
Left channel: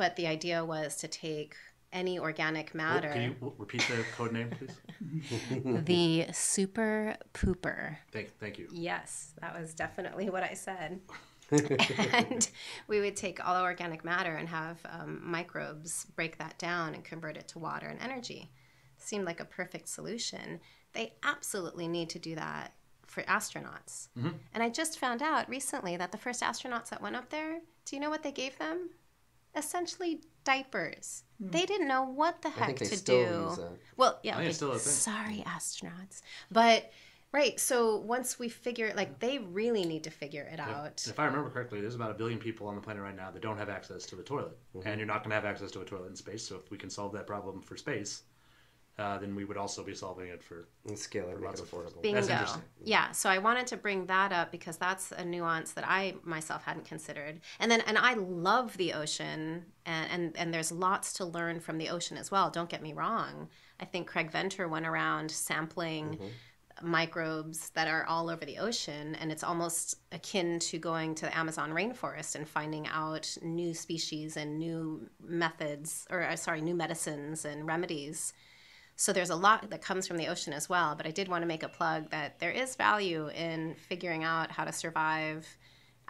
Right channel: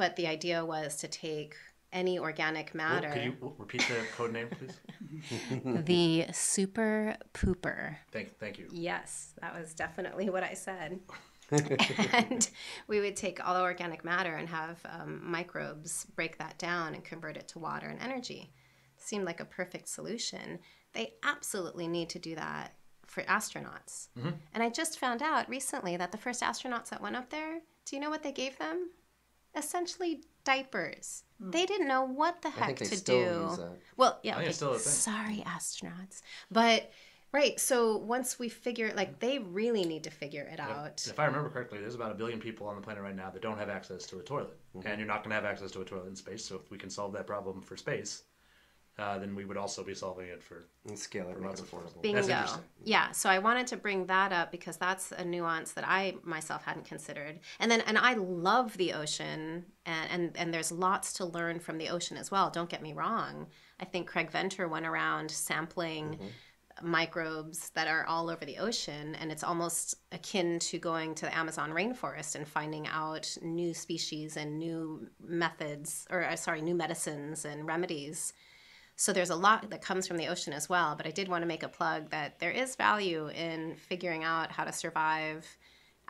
But the idea was to take any organic matter... Could you repeat the code name, please? The Super Pooper. Thank you. Yes, that was definitely what I said. And we would take all organic matter and have microbes break that down and convert it to water and energy. It seemed like a perfect solution. They absolutely need to do that for astronauts. And I just found out recently that the first astronauts that went up there, do you know what they gave them? Essentially diapers. They didn't know what the heck to do. Well, yeah, I think it's still a thing. Sorry, astronauts. But right, so once we figure, they really need to figure it out. If I remember correctly, there's about 1 billion people on the planet right now that don't have access to a toilet, and you're not going to have access to a toilet in space. So if we can solve that problem for space, then we would also be solving it for lots of folks. That's interesting. Yeah, so I wanted to bring that up because that's a nuance that I myself hadn't considered. And I love the ocean, and there's lots to learn from the ocean as well. Don't get me wrong. I think Craig Venter went around sampling microbes that are all over the ocean, and it's almost akin to going to the Amazon rainforest and finding out new species and new methods, new medicines and remedies. So there's a lot that comes from the ocean as well, but I did want to make a plug that there is value in figuring out how to survive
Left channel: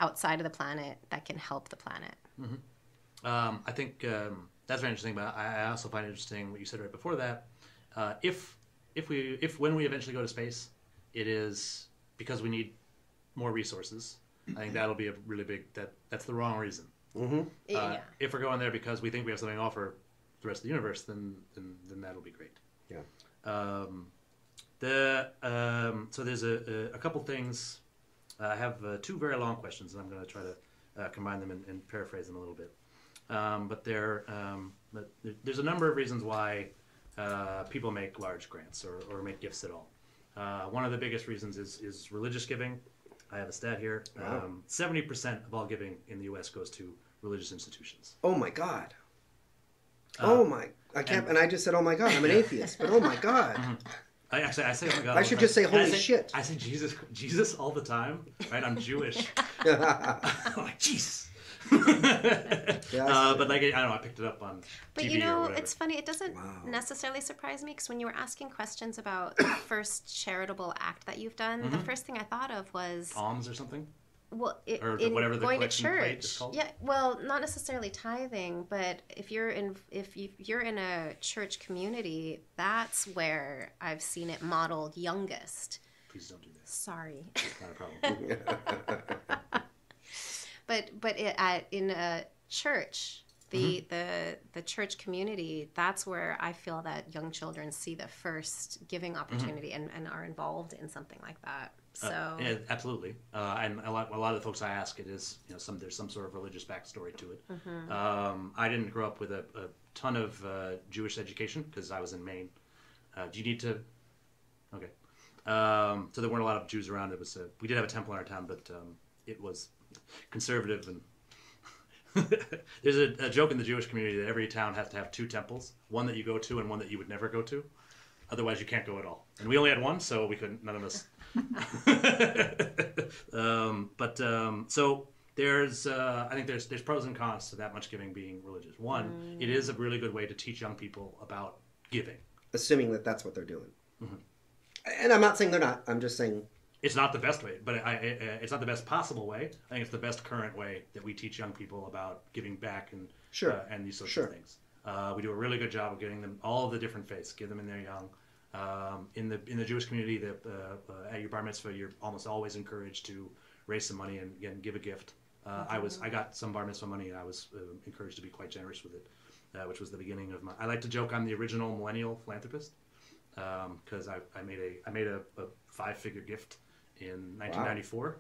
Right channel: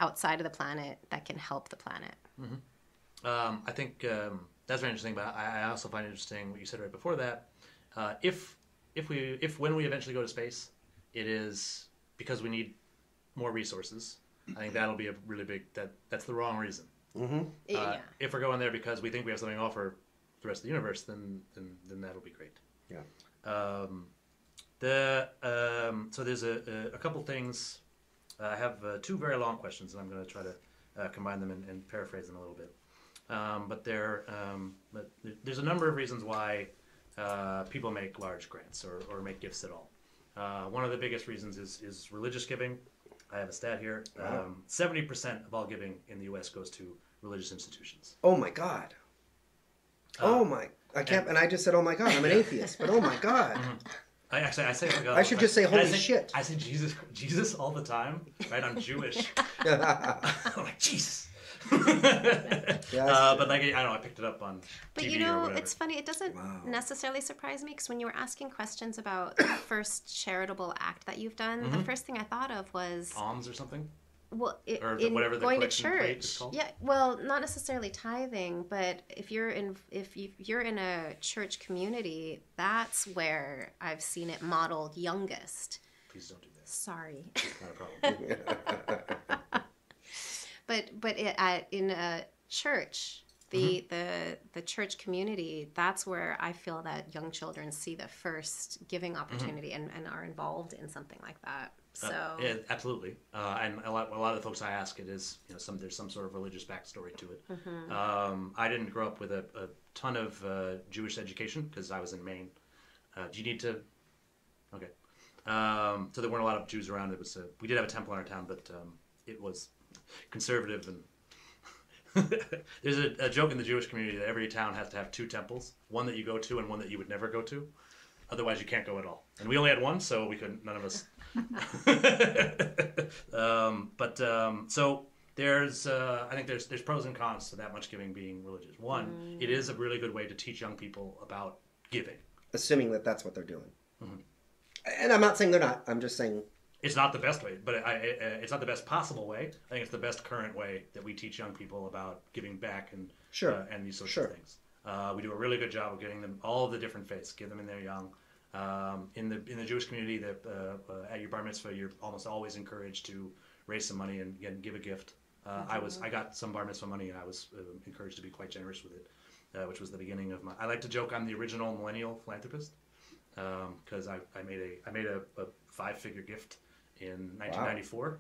outside of the planet that can help the planet. Mm-hmm. I think that's very interesting, but I also find it interesting what you said right before that. When we eventually go to space, it is because we need more resources. I think that'll be a really big, that's the wrong reason. Mm-hmm. If we're going there because we think we have something to offer the rest of the universe, then that'll be great. Yeah. So there's a couple things. I have two very long questions, and I'm going to try to combine them and paraphrase them a little bit. But there's a number of reasons why people make large grants or make gifts at all. One of the biggest reasons is religious giving. I have a stat here. 70% of all giving in the U.S. goes to religious institutions. Oh my God. I can't. And I just said, oh my God, I'm an atheist. But oh my God. Mm-hmm. I say, oh my God, I all the should time. just say, And holy shit. I say Jesus all the time, right? I'm Jewish. I'm like, Jesus. But like, I don't know, I picked it up on TV or whatever. It's funny. It doesn't necessarily surprise me because when you were asking questions about the first charitable act that you've done, the first thing I thought of was Alms or something? Well, whatever the going to collection church. plate is called. Yeah, well, not necessarily tithing, but if you're in a church community, that's where I've seen it modeled youngest. Please don't do that. Sorry, It's not a problem. but in a church, Mm-hmm. the church community, that's where I feel that young children see the first giving opportunity and are involved in something like that. So. Yeah, absolutely. And a lot of the folks I ask, it is there's some sort of religious backstory to it. I didn't grow up with a ton of Jewish education because I was in Maine. Do you need to? Okay. So there weren't a lot of Jews around. We did have a temple in our town, but it was conservative and. There's a joke in the Jewish community that every town has to have two temples, one that you go to and one that you would never go to. Otherwise, you can't go at all. And we only had one, so we couldn't. None of us. So there's, I think there's pros and cons to that much giving being religious. One, it is a really good way to teach young people about giving. Assuming that that's what they're doing. Mm-hmm. And I'm not saying they're not. I'm just saying. It's not the best way, but it's not the best possible way. I think it's the best current way that we teach young people about giving back and these sorts of things. We do a really good job of getting them all of the different faiths, give them in there young. In the Jewish community, at your bar mitzvah, you're almost always encouraged to raise some money and again give a gift. I got some bar mitzvah money, and I was encouraged to be quite generous with it, which was the beginning of my. I like to joke I'm the original millennial philanthropist because I made a 5-figure gift in 1994,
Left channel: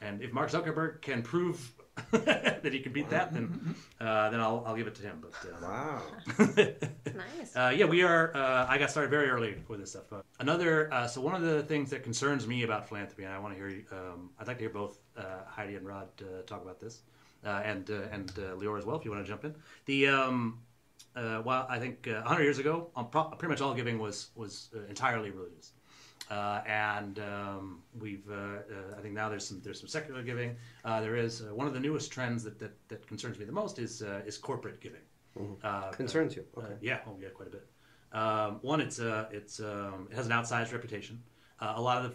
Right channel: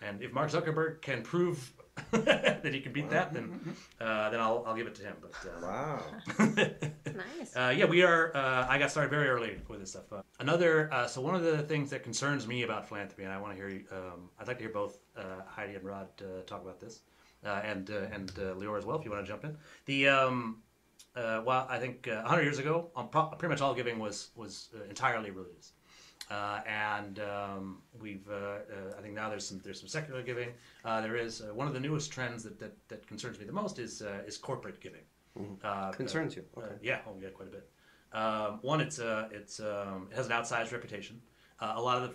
and if Mark Zuckerberg can prove that he can beat that, then I'll give it to him. But yeah, we are. I got started very early with this stuff. So one of the things that concerns me about philanthropy, and I want to hear you. I'd like to hear both Heidi and Rod talk about this, and Lior as well, if you want to jump in. Well, I think 100 years ago, pretty much all giving was entirely religious. We've I think now there's some secular giving. There is one of the newest trends that concerns me the most is corporate giving. Concerns you? Yeah, quite a bit. One, it has an outsized reputation. A lot of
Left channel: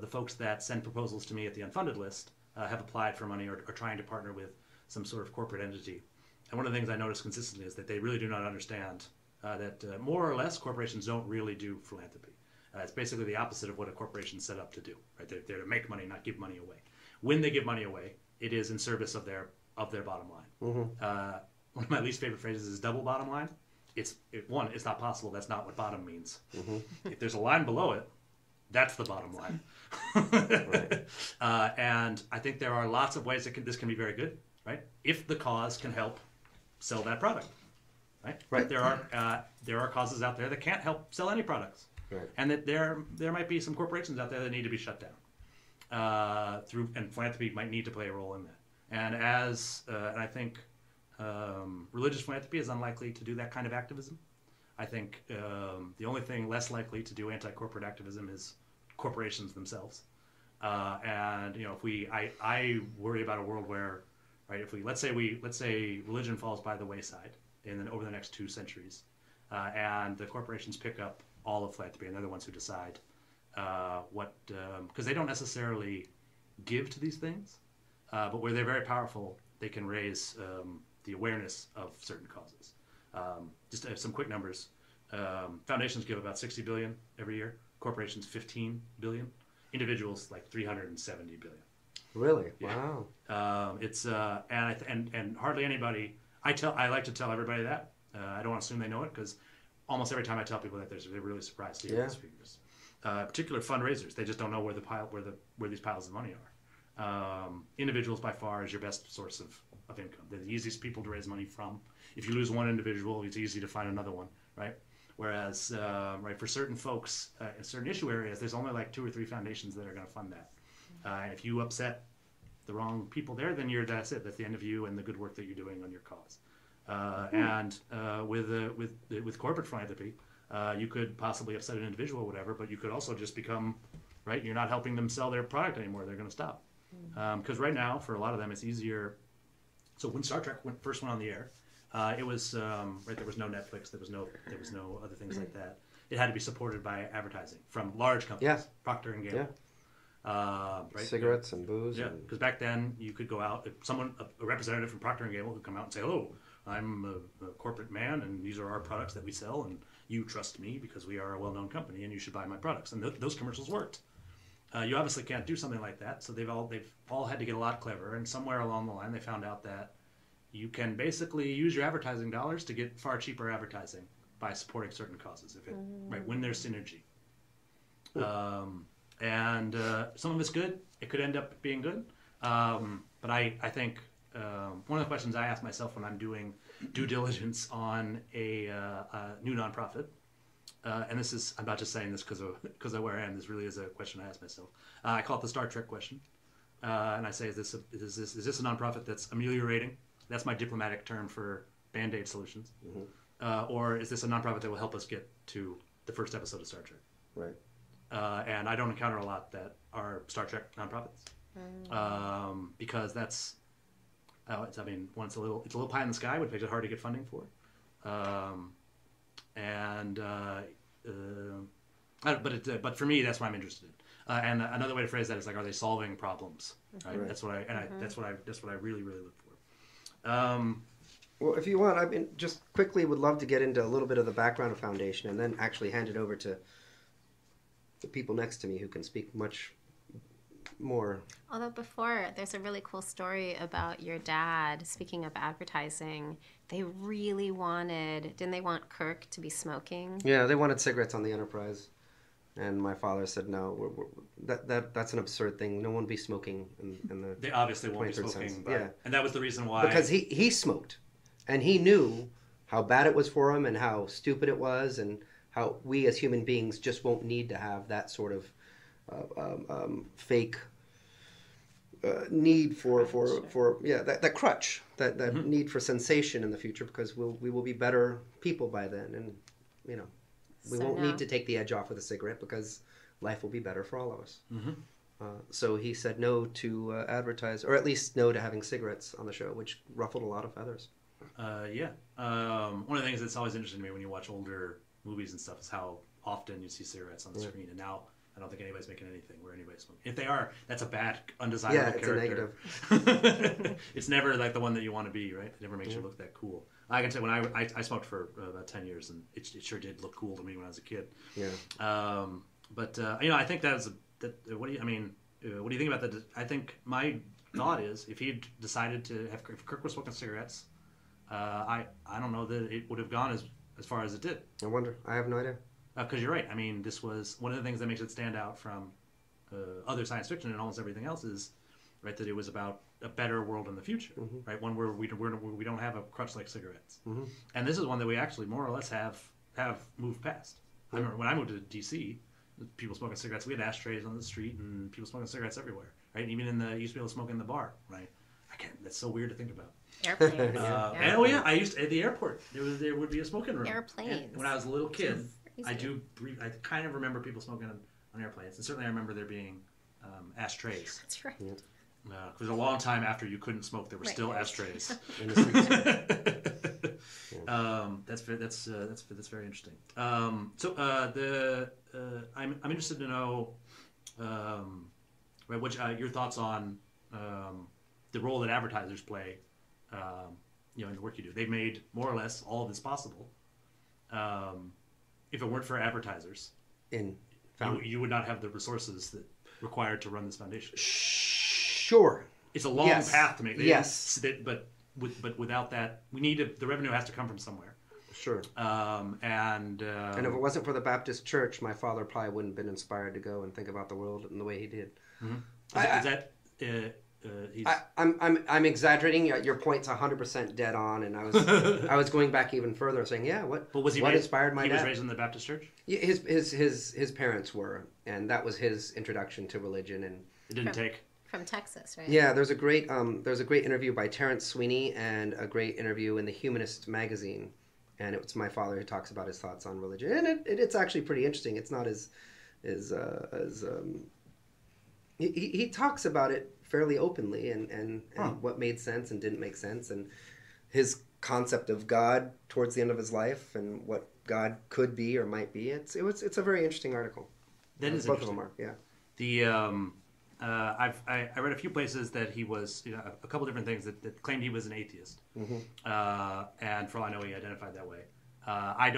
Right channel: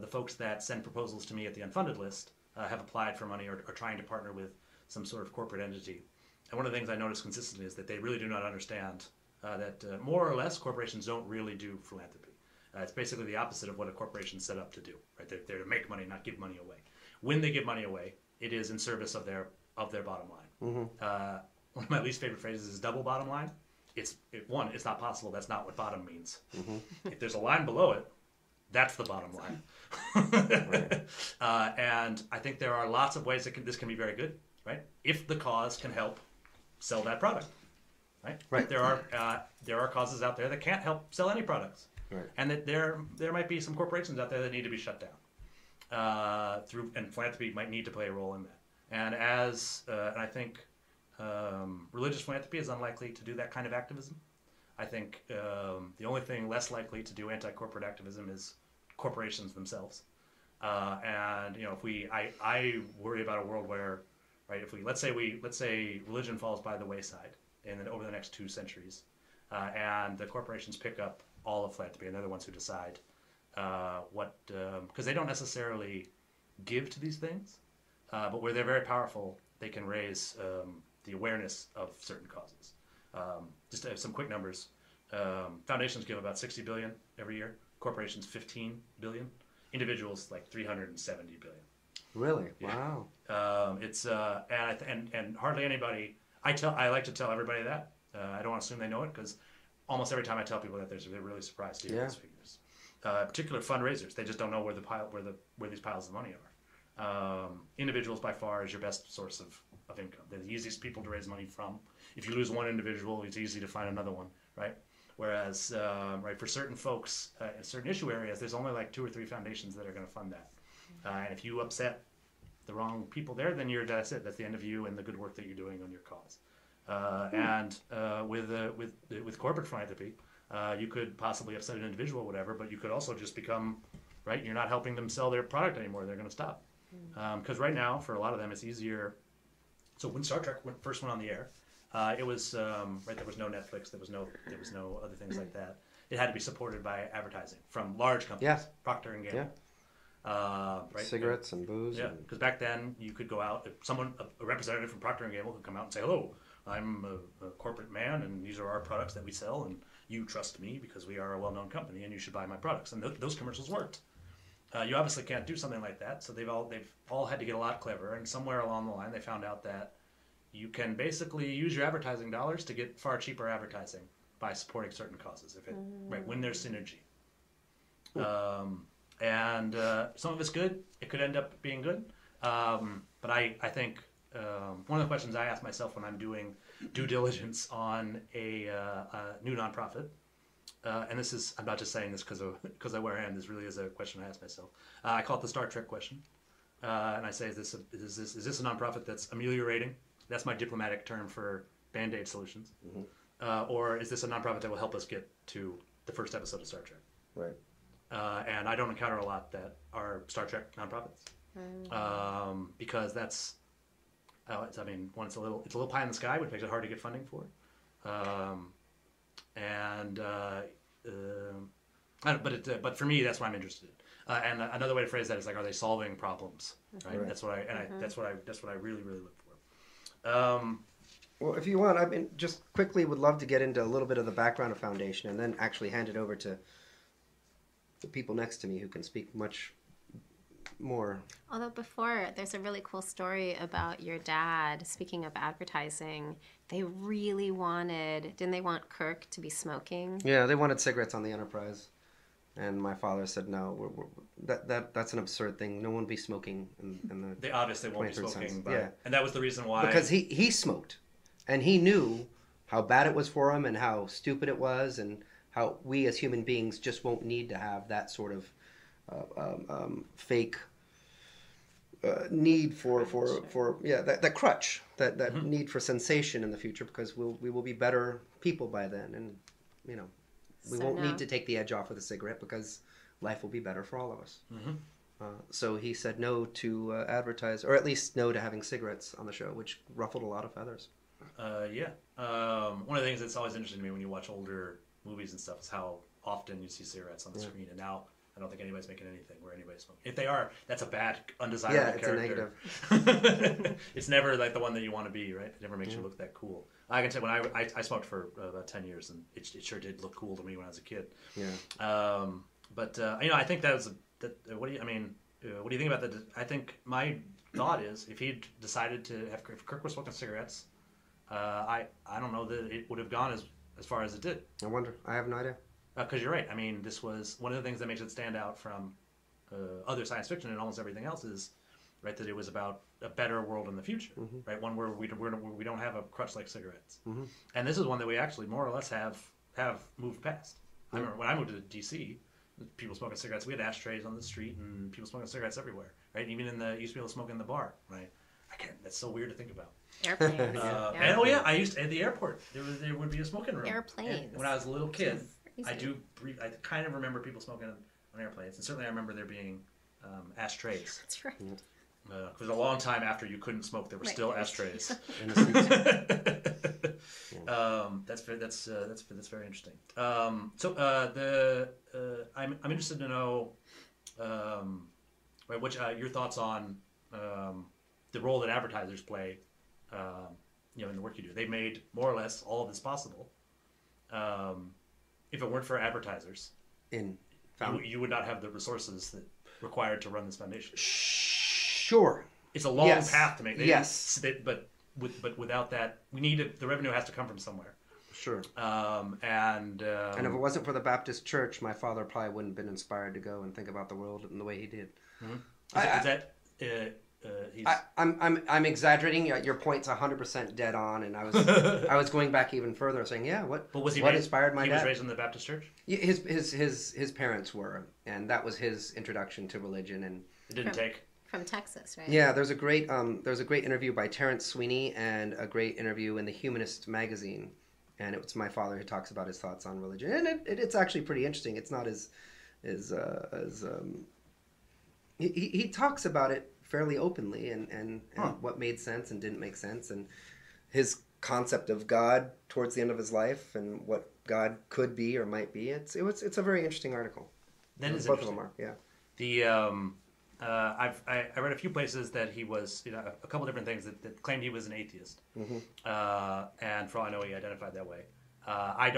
the folks that send proposals to me at the Unfunded List have applied for money or are trying to partner with some sort of corporate entity. And one of the things I notice consistently is that they really do not understand that more or less corporations don't really do philanthropy. It's basically the opposite of what a corporation is set up to do. Right? They're to make money, not give money away. When they give money away, it is in service of their bottom line. Mm-hmm. One of my least favorite phrases is double bottom line. It's not possible. That's not what bottom means. Mm-hmm. If there's a line below it, that's the bottom line. And I think there are lots of ways this can be very good. Right? If the cause can help sell that product. Right? But there are causes out there that can't help sell any products. Right. And that there might be some corporations out there that need to be shut down and philanthropy might need to play a role in that. And and I think religious philanthropy is unlikely to do that kind of activism. I think the only thing less likely to do anti-corporate activism is corporations themselves. And you know, I worry about a world where, right, if let's say religion falls by the wayside over the next 2 centuries, and the corporations pick up all of philanthropy, and they're the ones who decide because they don't necessarily give to these things, but where they're very powerful, they can raise the awareness of certain causes. Just to have some quick numbers, foundations give about 60 billion every year, corporations 15 billion, individuals like 370 billion. Really? Yeah. Wow. It's and hardly anybody. I like to tell everybody that. I don't want to assume they know it, because almost every time I tell people that, they're really surprised to hear those figures. Particular fundraisers, they just don't know where these piles of money are. Individuals by far is your best source of income. They're the easiest people to raise money from. If you lose one individual, it's easy to find another one, right? Whereas, right, for certain folks in certain issue areas, there's only like 2 or 3 foundations that are going to fund that. And if you upset the wrong people there, then that's it. That's the end of you and the good work that you're doing on your cause. And with corporate philanthropy, you could possibly upset an individual or whatever, but you could also just become, right, you're not helping them sell their product anymore. They're going to stop. Because right now, for a lot of them, it's easier. So when Star Trek first went on the air, it was right. There was no Netflix. There was no other things like that. It had to be supported by advertising from large companies, Procter and Gamble. Right, Cigarettes and booze. Yeah, because back then you could go out. If a representative from Procter and Gamble could come out and say, "Hello, I'm a corporate man, and these are our products that we sell, and you trust me because we are a well-known company, and you should buy my products." And those commercials worked. You obviously can't do something like that, so they've all had to get a lot cleverer. And somewhere along the line, they found out that you can basically use your advertising dollars to get far cheaper advertising by supporting certain causes. When there's synergy. And some of it's good. It could end up being good. But I think one of the questions I ask myself when I'm doing due diligence on a new nonprofit, and this is, I'm not just saying this because of where I am. This really is a question I ask myself. I call it the Star Trek question, and I say, is this a nonprofit that's ameliorating? That's my diplomatic term for Band-Aid solutions, or is this a nonprofit that will help us get to the first episode of Star Trek? Right. And I don't encounter a lot that are Star Trek nonprofits, because that's, it's a little pie in the sky, which makes it hard to get funding for. But for me, that's what I'm interested in. And another way to phrase that is like, are they solving problems? Right. That's what I really, really look for. Well, if you want, just quickly would love to get into a little bit of the background of Foundation, and then actually hand it over to the people next to me who can speak much more. Although before, there's a really cool story about your dad. Speaking of advertising, they really didn't they want Kirk to be smoking? Yeah, they wanted cigarettes on the Enterprise, and my father said no. That's an absurd thing. No one will be smoking in the. They obviously won't be smoking, and that was the reason why. Because he smoked, and he knew how bad it was for him, and how stupid it was, and how we as human beings just won't need to have that sort of fake need for that crutch, that need for sensation in the future, because we will be better people by then, and we won't need to take the edge off of the cigarette because life will be better for all of us. Mm-hmm. So he said no to advertise, or at least no to having cigarettes on the show, which ruffled a lot of feathers. One of the things that's always interesting to me when you watch older movies and stuff is how often you see cigarettes on the screen. And now I don't think anybody's making anything where anybody's smoking. If they are, that's a bad, undesirable character. It's never like the one that you want to be, right? It never makes you look that cool. I can tell when I smoked for about 10 years, and it sure did look cool to me when I was a kid. Yeah. I think that was what do you think about that? I think my thought is, if he'd decided if Kirk was smoking cigarettes, I don't know that it would have gone as far as it did. I wonder. I have no idea. Because you're right. I mean, this was one of the things that makes it stand out from other science fiction and almost everything else is, right, that it was about a better world in the future, right? One where we don't have a crutch like cigarettes. And this is one that we actually more or less have moved past. I remember when I moved to D.C., people smoking cigarettes. We had ashtrays on the street and people smoking cigarettes everywhere, right? Even you used to be able to smoke in the bar, right? That's so weird to think about. I used to, at the airport, there would be a smoking room. And when I was a little kid, I kind of remember people smoking on airplanes, and certainly I remember there being ashtrays. That's right. Because a long time after you couldn't smoke, there were still ashtrays. That's very interesting. I'm interested to know, right, what your thoughts on the role that advertisers play, in the work you do. They've made more or less all of this possible. If it weren't for advertisers, you would not have the resources that required to run this foundation. Sure. It's a long path to make. Yes. But without that, the revenue has to come from somewhere. Sure. And if it wasn't for the Baptist Church, my father probably wouldn't have been inspired to go and think about the world in the way he did. Mm-hmm. I'm exaggerating. Your point's 100% dead on, and I was going back even further, saying, what? But was he what raised? Inspired my He was dad? raised in the Baptist church. His parents were, and that was his introduction to religion. And it didn't take. From Texas, right? Yeah, there's a great interview by Terrence Sweeney and a great interview in the Humanist magazine, and it's my father who talks about his thoughts on religion, and it's actually pretty interesting. It's not he talks about it fairly openly and what made sense and didn't make sense, and his concept of God towards the end of his life and what God could be or might be. It's a very interesting article. That is interesting. Yeah. I read a few places that he was, a couple different things that claimed he was an atheist, and for all I know, he identified that way. I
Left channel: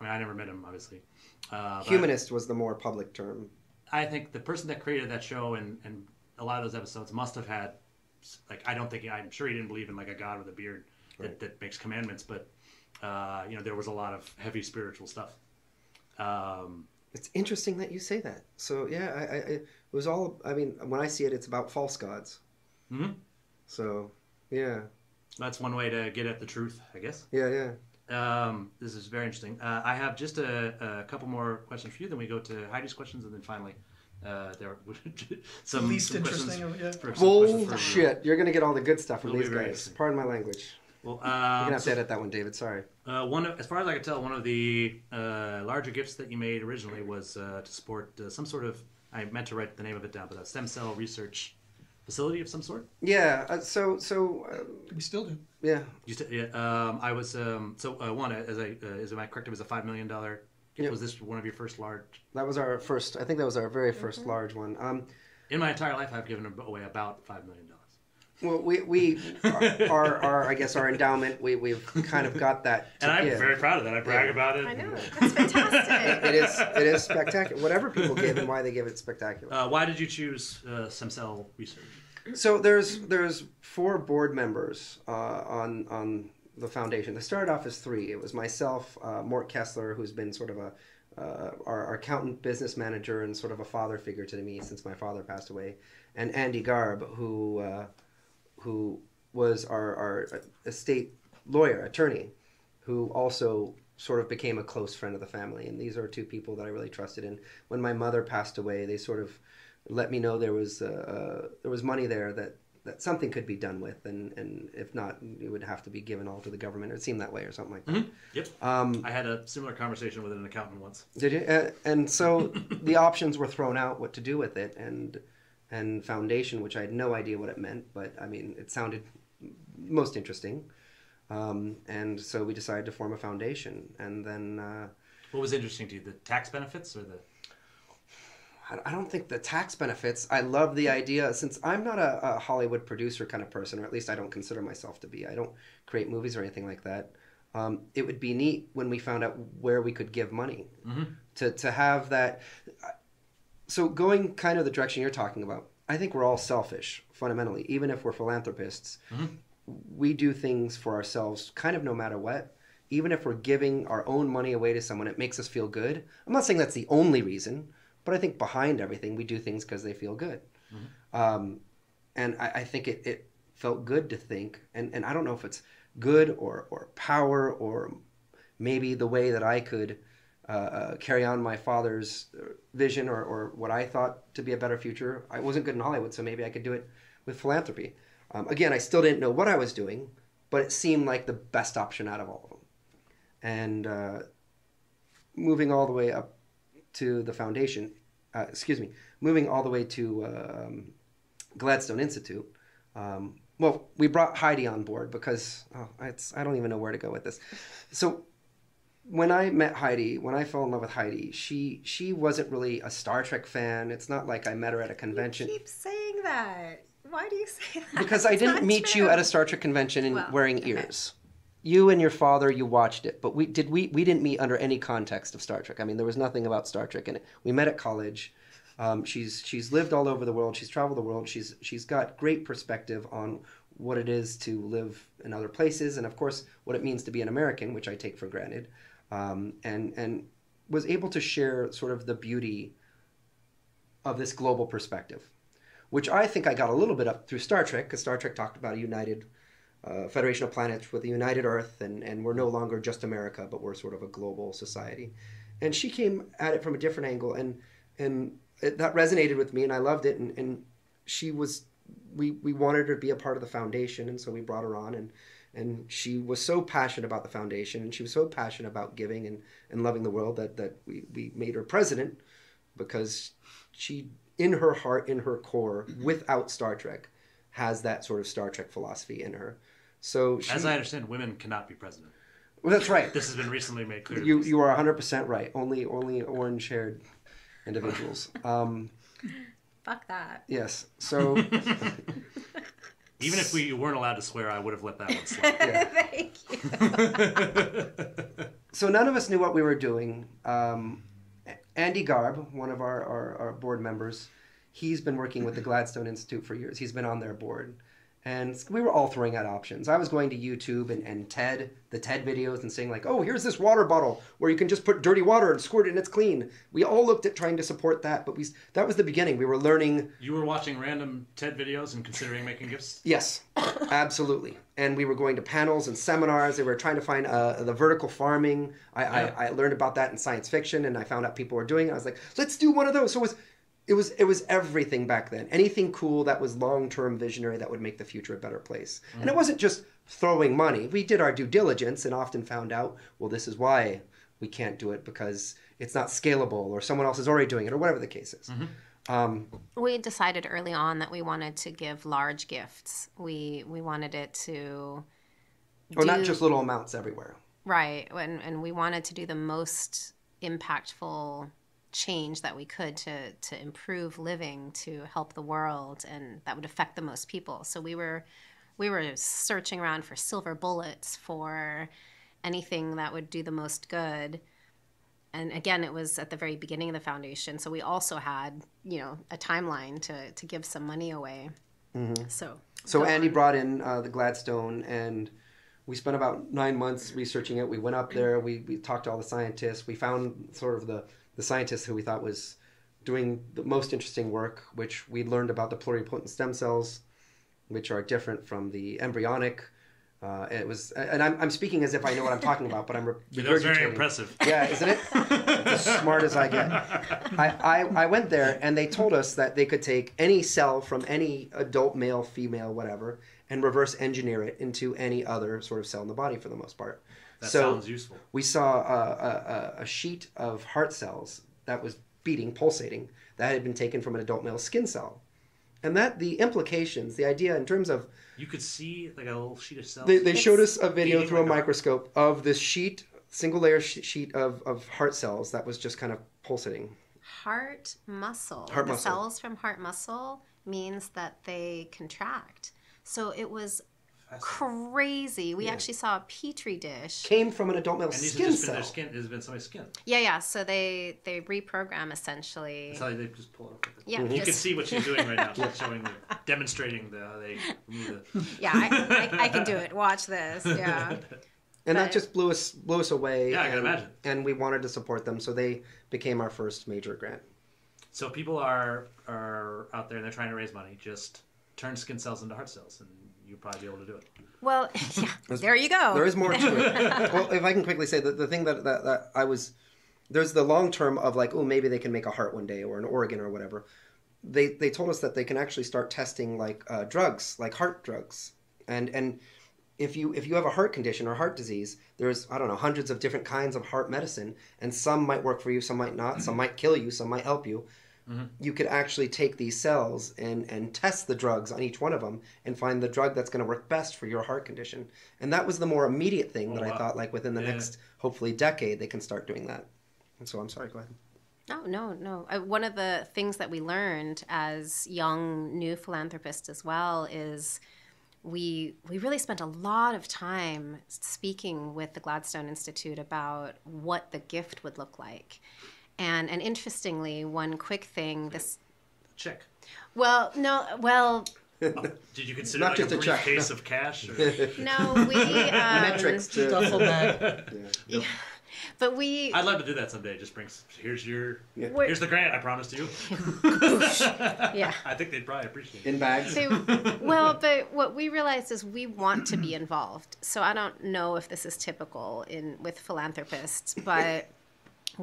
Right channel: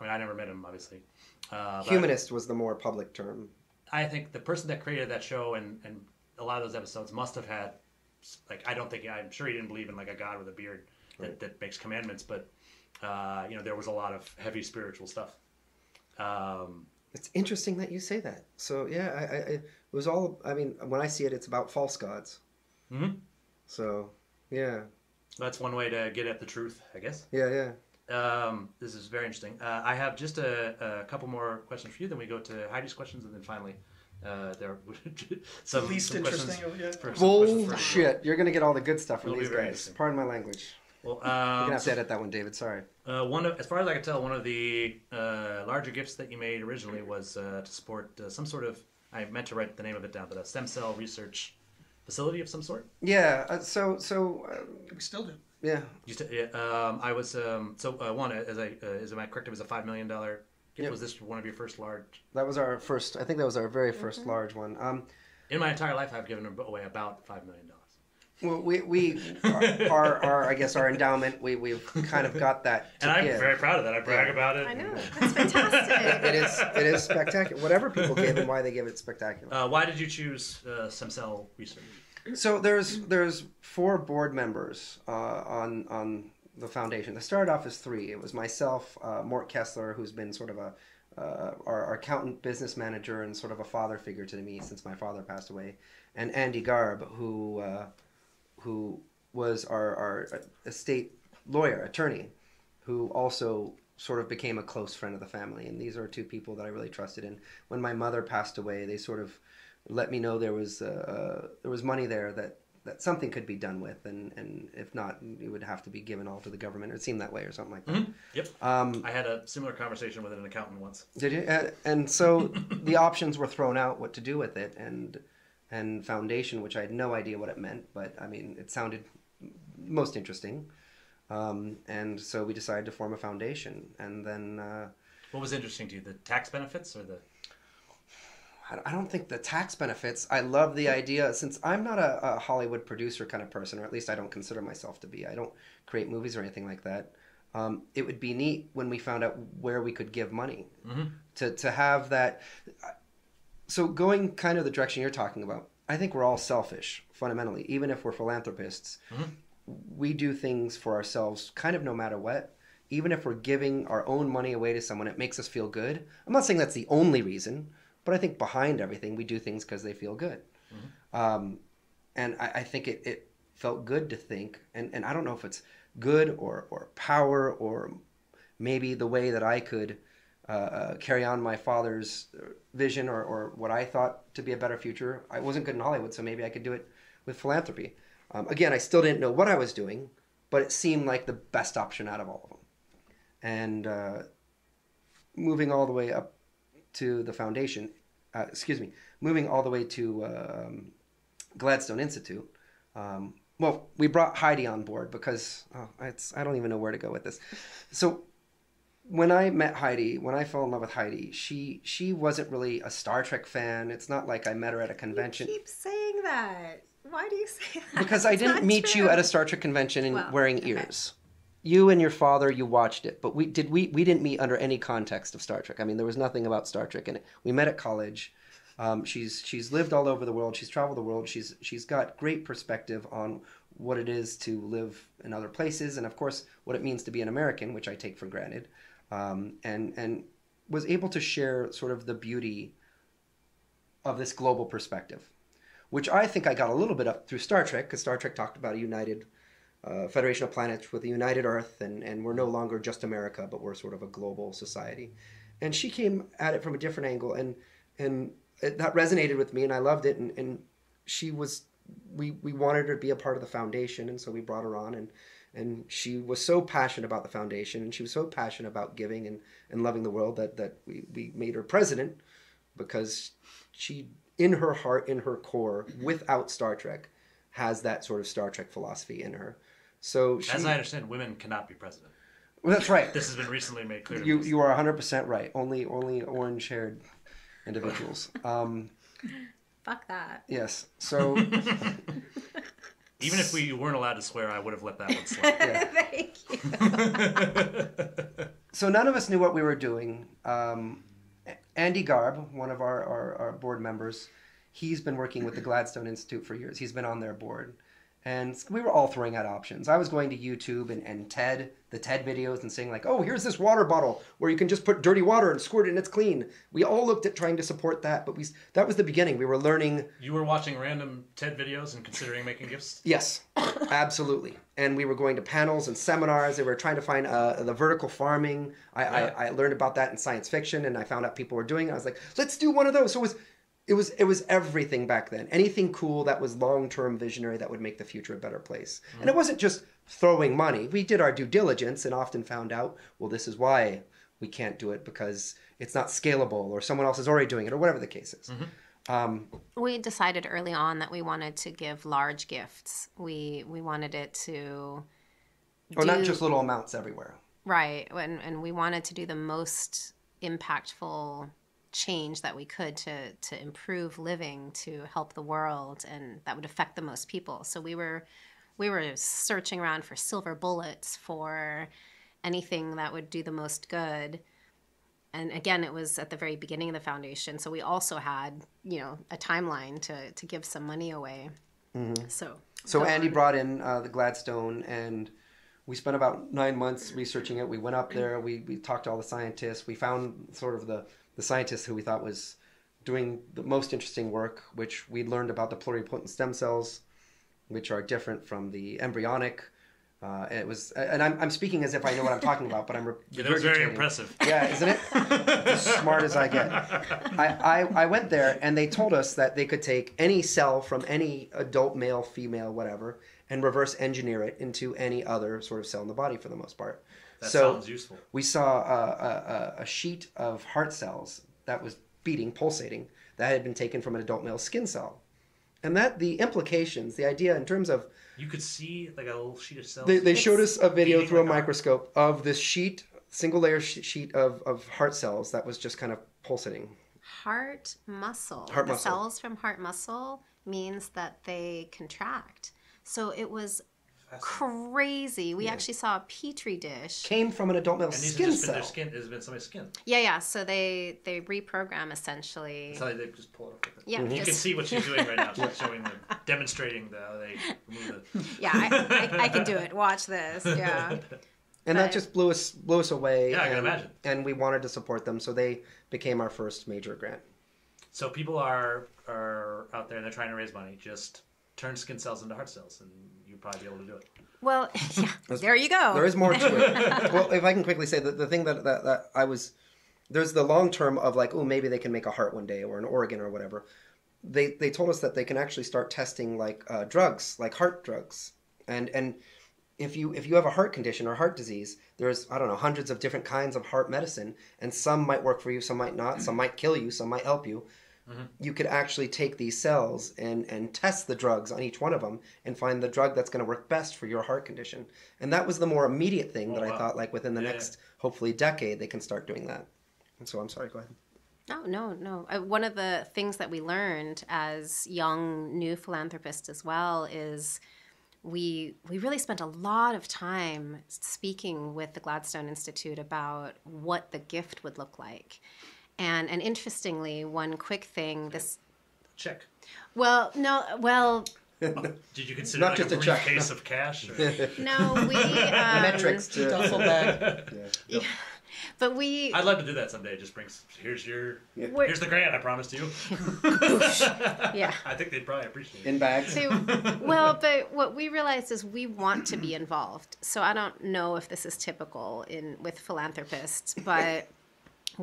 never met him, obviously. Humanist was the more public term. I think the person that created that show and a lot of those episodes must have had, I'm sure he didn't believe in like a God with a beard that makes commandments, but there was a lot of heavy spiritual stuff. It's interesting that you say that. So yeah, it was all. I mean, when I see it, it's about false gods. Mm-hmm. So yeah, that's one way to get at the truth, I guess. Yeah. This is very interesting. I have just a couple more questions for you. Then we go to Heidi's questions, and then finally, there are some least some interesting questions of some questions for you. Shit, you're gonna get all the good stuff. It'll be very interesting. Pardon my language. Well, So edit that one, David. Sorry. as far as I could tell, one of the larger gifts that you made originally was to support some sort of. I meant to write the name of it down, but a stem cell research facility of some sort. Yeah. We still do. Yeah. I was one. Am I correct? It was a $5 million gift. Yeah. Was this one of your first large? That was our first. I think that was our very first large one. In my entire life, I've given away about $5 million. Well, our I guess our endowment, we've kind of got that. And I'm very proud of that. I brag about it. And it is spectacular. Whatever people give it, why they give it spectacular. Why did you choose stem cell research? So there's 4 board members on the foundation. It started off as 3. It was myself, Mort Kessler, who's been sort of our accountant, business manager, and sort of a father figure to me since my father passed away, and Andy Garb, who was our estate lawyer, attorney, who also sort of became a close friend of the family. And these are 2 people that I really trusted. And when my mother passed away, they sort of let me know there was money there that something could be done with, and if not, it would have to be given all to the government. It seemed that way or something like that. Mm-hmm. Yep. I had a similar conversation with an accountant once. Did you? And so the options were thrown out, what to do with it, and foundation, which I had no idea what it meant, but I mean, it sounded most interesting. And so we decided to form a foundation. And then... what was interesting to you, the tax benefits or the... I don't think the tax benefits. I love the idea, since I'm not a Hollywood producer kind of person, or at least I don't consider myself to be. I don't create movies or anything like that. It would be neat when we found out where we could give money to have that. So going kind of the direction you're talking about, I think we're all selfish, fundamentally. Even if we're philanthropists, we do things for ourselves kind of no matter what. Even if we're giving our own money away to someone, it makes us feel good. I'm not saying that's the only reason, but I think behind everything, we do things because they feel good. And I think it felt good to think, and I don't know if it's good or power or maybe the way that I could carry on my father's vision or what I thought to be a better future. I wasn't good in Hollywood, so maybe I could do it with philanthropy. Again, I still didn't know what I was doing, but it seemed like the best option out of all of them. And moving all the way up to the foundation, moving all the way to Gladstone Institute, well, we brought Heidi on board because I don't even know where to go with this. So when I met Heidi, when I fell in love with Heidi, she wasn't really a Star Trek fan. It's not like I met her at a convention. You keep saying that. Why do you say that? Because I didn't meet you at a Star Trek convention wearing ears. You and your father, you watched it, but we didn't meet under any context of Star Trek. I mean, there was nothing about Star Trek in it. We met at college. She's lived all over the world. She's traveled the world. She's got great perspective on what it is to live in other places, and of course, what it means to be an American, which I take for granted, and was able to share sort of the beauty of this global perspective, which I think I got a little bit up through Star Trek, because Star Trek talked about a united Federation of Planets with a united Earth, and we're no longer just America, but we're sort of a global society. And she came at it from a different angle, and that resonated with me, and I loved it. And she was, we wanted her to be a part of the foundation, and so we brought her on. And she was so passionate about the foundation, and she was so passionate about giving and loving the world that we made her president, because she, in her heart, in her core, without Star Trek, has that sort of Star Trek philosophy in her. So, as I understand, women cannot be president. Well, that's right. This has been recently made clear to me. You are 100% right. Only orange-haired individuals. Fuck that. Yes. So even if we weren't allowed to swear, I would have let that one slide. So none of us knew what we were doing. Andy Garb, one of our board members, he's been working with the Gladstone Institute for years. He's been on their board. And we were all throwing out options. I was going to YouTube and the TED videos, and saying like, oh, here's this water bottle where you can just put dirty water and squirt it and it's clean. We all looked at trying to support that, but that was the beginning. We were learning. You were watching random TED videos and considering making gifts? Yes, absolutely. And we were going to panels and seminars, and we were trying to find the vertical farming. I learned about that in science fiction, and I found out people were doing it. I was like, let's do one of those. So it was everything back then. Anything cool that was long-term visionary that would make the future a better place. Mm-hmm. And it wasn't just throwing money. We did our due diligence and often found out, well, this is why we can't do it, because it's not scalable, or someone else is already doing it, or whatever the case is. Mm-hmm. We decided early on that we wanted to give large gifts. We wanted it to... Oh, not just little amounts everywhere. Right, and we wanted to do the most impactful change that we could to improve living, to help the world, and that would affect the most people. So we were searching around for silver bullets, for anything that would do the most good. And again, it was at the very beginning of the foundation, so we also had, a timeline to give some money away. Mm-hmm. So Andy brought in the Gladstone, and we spent about 9 months researching it. We went up there, we talked to all the scientists, we found sort of the scientist who we thought was doing the most interesting work, which we learned about the pluripotent stem cells, which are different from the embryonic. And I'm speaking as if I know what I'm talking about, but that was very impressive. Yeah, isn't it? As smart as I get. I went there, and they told us that they could take any cell from any adult male, female, whatever, and reverse engineer it into any other sort of cell in the body for the most part. That sounds useful. We saw a sheet of heart cells that was beating, pulsating, that had been taken from an adult male skin cell. And that the implications, the idea in terms of... You could see like a little sheet of cells? They showed us a video through like a microscope of this sheet, single layer sheet of heart cells that was just kind of pulsating. Heart muscle. Heart the muscle. Cells from heart muscle means that they contract. So it was crazy. We actually saw a petri dish. Came from an adult male skin. And these have just been cell. their skin. Has been somebody's skin. Yeah. So they reprogram essentially. That's how they just pull it up with it. Yeah. If you can see what she's doing right now, she's demonstrating how they remove the. I can do it. Watch this. Yeah. And that just blew us away. Yeah, I can imagine. And we wanted to support them, so they became our first major grant. So people are out there and they're trying to raise money. Just turn skin cells into heart cells, and you'll probably be able to do it. Well, there you go. There is more to it. Well, if I can quickly say, the thing that I was... There's the long term of like, oh, maybe they can make a heart one day, or an organ or whatever. They told us that they can actually start testing like drugs, like heart drugs. And if you have a heart condition or heart disease, there's, I don't know, hundreds of different kinds of heart medicine. and some might work for you, some might not, some might kill you, some might help you. You could actually take these cells and test the drugs on each one of them and find the drug that's going to work best for your heart condition. And that was the more immediate thing that I thought, like within the next, hopefully, decade, they can start doing that. And so I'm sorry, go ahead. Oh, no. One of the things that we learned as young new philanthropists as well is we really spent a lot of time speaking with the Gladstone Institute about what the gift would look like. And interestingly, one quick thing. Check. Well, no, did you consider Not like a just a briefcase check, of cash or? no, Metrics. Duffel bag. No. but we. I'd love to do that someday. Just bring. Here's the grant I promised you. I think they'd probably appreciate it. In bags. Well, but what we realized is we want to be involved. So I don't know if this is typical with philanthropists, but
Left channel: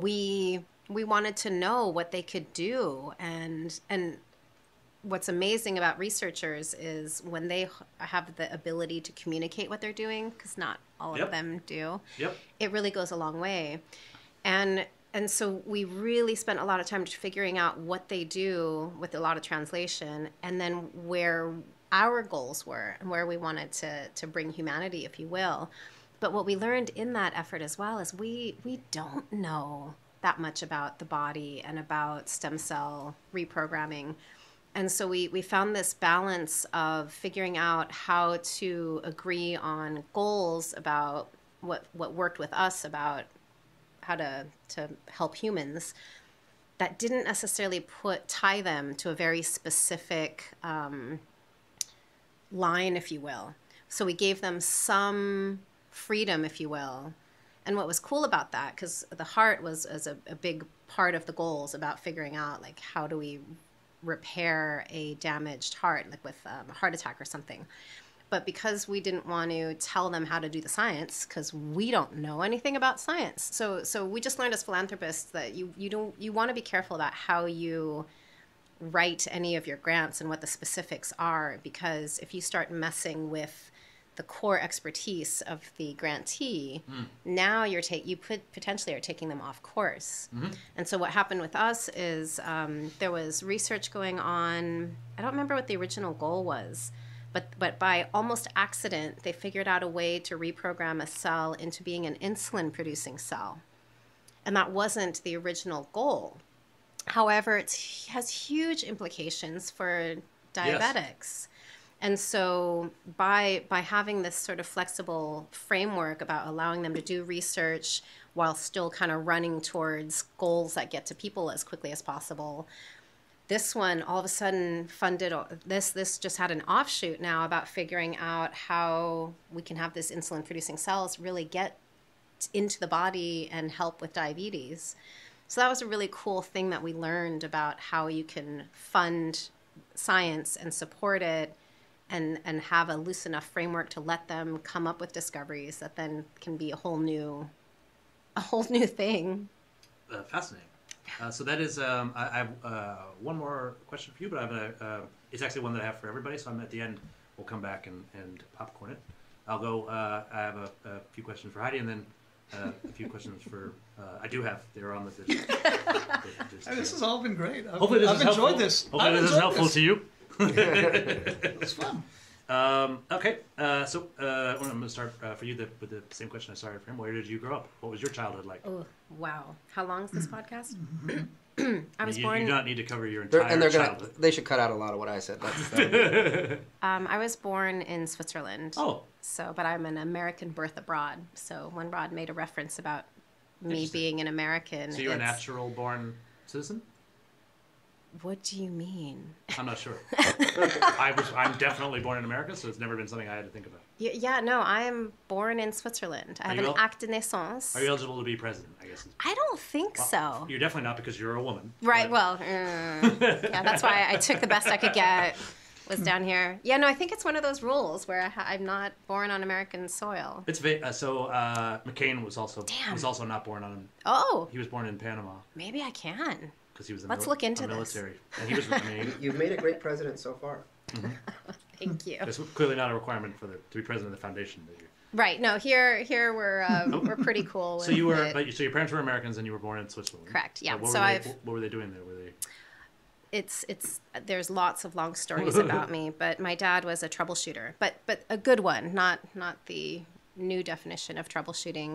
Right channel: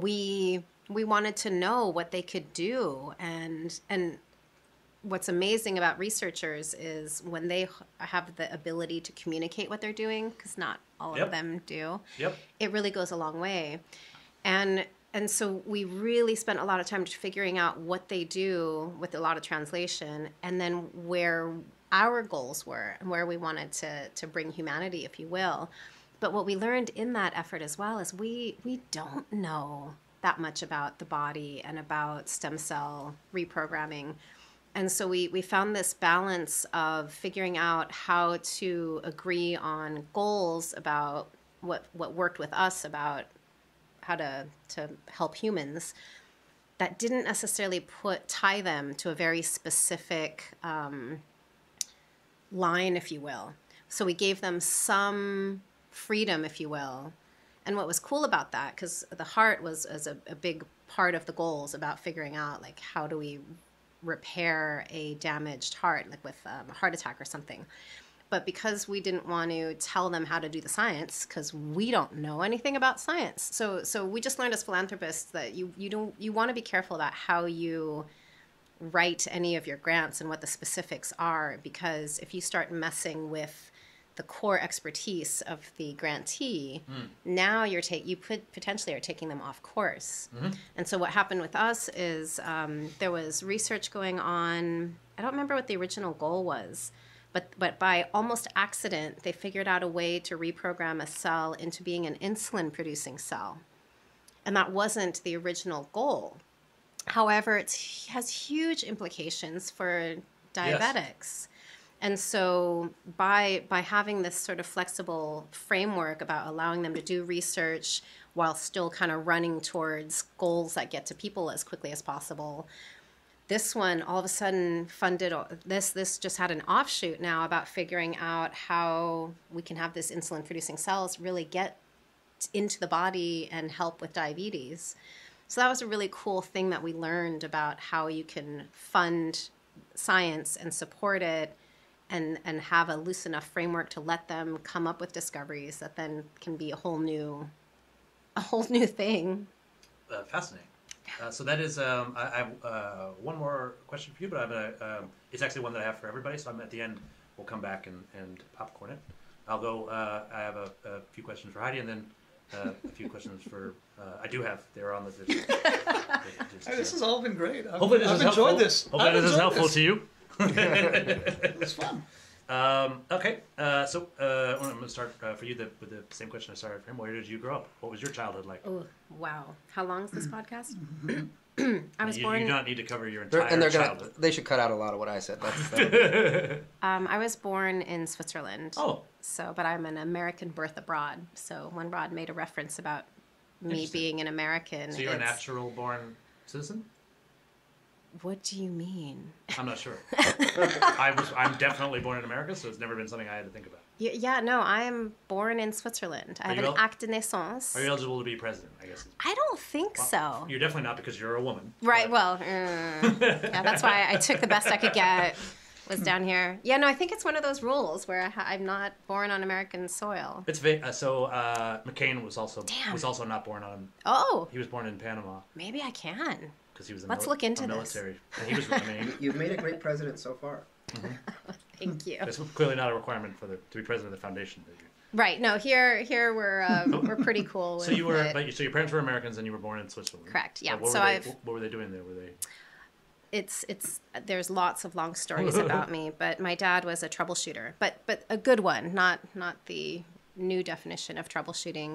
we wanted to know what they could do, and what's amazing about researchers is when they have the ability to communicate what they're doing, because not all of them do. Yep. It really goes a long way, and so we really spent a lot of time figuring out what they do with a lot of translation, and then where our goals were, and where we wanted to bring humanity, if you will. But what we learned in that effort as well is we don't know that much about the body and about stem cell reprogramming. And so we found this balance of figuring out how to agree on goals about what worked with us about how to help humans that didn't necessarily tie them to a very specific line, if you will. So we gave them some freedom, if you will. And what was cool about that, because the heart was a big part of the goals about figuring out, like, how do we repair a damaged heart, like with a heart attack or something. But because we didn't want to tell them how to do the science, because we don't know anything about science, so we just learned as philanthropists that you want to be careful about how you write any of your grants and what the specifics are, because if you start messing with the core expertise of the grantee, now you could potentially are taking them off course. And so what happened with us is there was research going on. I don't remember what the original goal was, but by almost accident, they figured out a way to reprogram a cell into being an insulin-producing cell. And that wasn't the original goal. However, it has huge implications for diabetics. And so by having this sort of flexible framework about allowing them to do research while still kind of running towards goals that get to people as quickly as possible, this one all of a sudden funded this just had an offshoot now about figuring out how we can have this insulin-producing cells really get into the body and help with diabetes. So that was a really cool thing that we learned about how you can fund science and support it and have a loose enough framework to let them come up with discoveries that then can be a whole new thing. Fascinating. So that is, I have one more question for you, but I have it's actually one that I have for everybody. So I'm at the end. We'll come back and popcorn it. I'll go. I have a few questions for Heidi, and then a few questions for. I do have. They're on the. Hey, this has all been great. Hopefully this I've is enjoyed helpful. this. Hopefully this is helpful to you. It was fun. Okay. So I'm going to start for you with the same question I started for him. Where did you grow up? What was your childhood like? Oh, wow. How long is this podcast? I mean, you do not need to cover your entire childhood. They should cut out a lot of what I said. I was born in Switzerland. Oh. But I'm an American birth abroad. So when God made a reference about me being an American. So you're a natural-born citizen? What do you mean? I'm not sure. I'm definitely born in America, so it's never been something I had to think about. Yeah, no, I am born in Switzerland. Are you acte de naissance. Are you eligible to be president? I guess. I don't think so. You're definitely not because you're a woman. Right. But... Well, I took the best I could get. Was down here. Yeah, no, I think it's one of those rules where I'm not born on American soil. It's so McCain was also not born on. Oh. He was born in Panama. Maybe I can. Because he was a military, and he was. I mean, you've made a great president so far. Mm-hmm. Thank you. That's clearly not a requirement to be president of the foundation that Right. No, here we're pretty cool. So you were, so your parents were Americans and you were born in Switzerland. Correct. Yeah. What were So they? What were they doing there? Were they? It's there's lots of long stories about me, but my dad was a troubleshooter, but a good one, not the new definition of troubleshooting.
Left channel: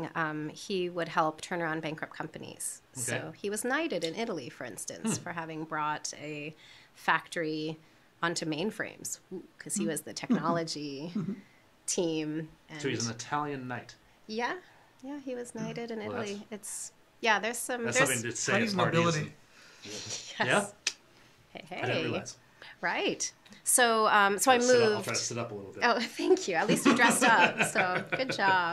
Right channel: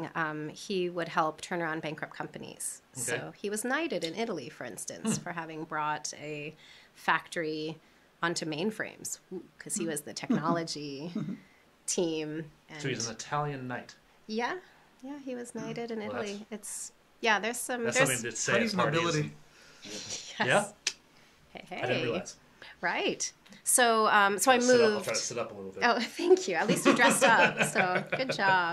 He would help turn around bankrupt companies. Okay. So he was knighted in Italy, for instance, for having brought a factory onto mainframes because he was the technology team. So he's an Italian knight. Yeah, he was knighted. Well, that's there's some. that's something to say Honey's at parties. nobility. Yeah, I didn't realize. Right. So I'll try to sit up a little bit. Oh, thank you. Good job.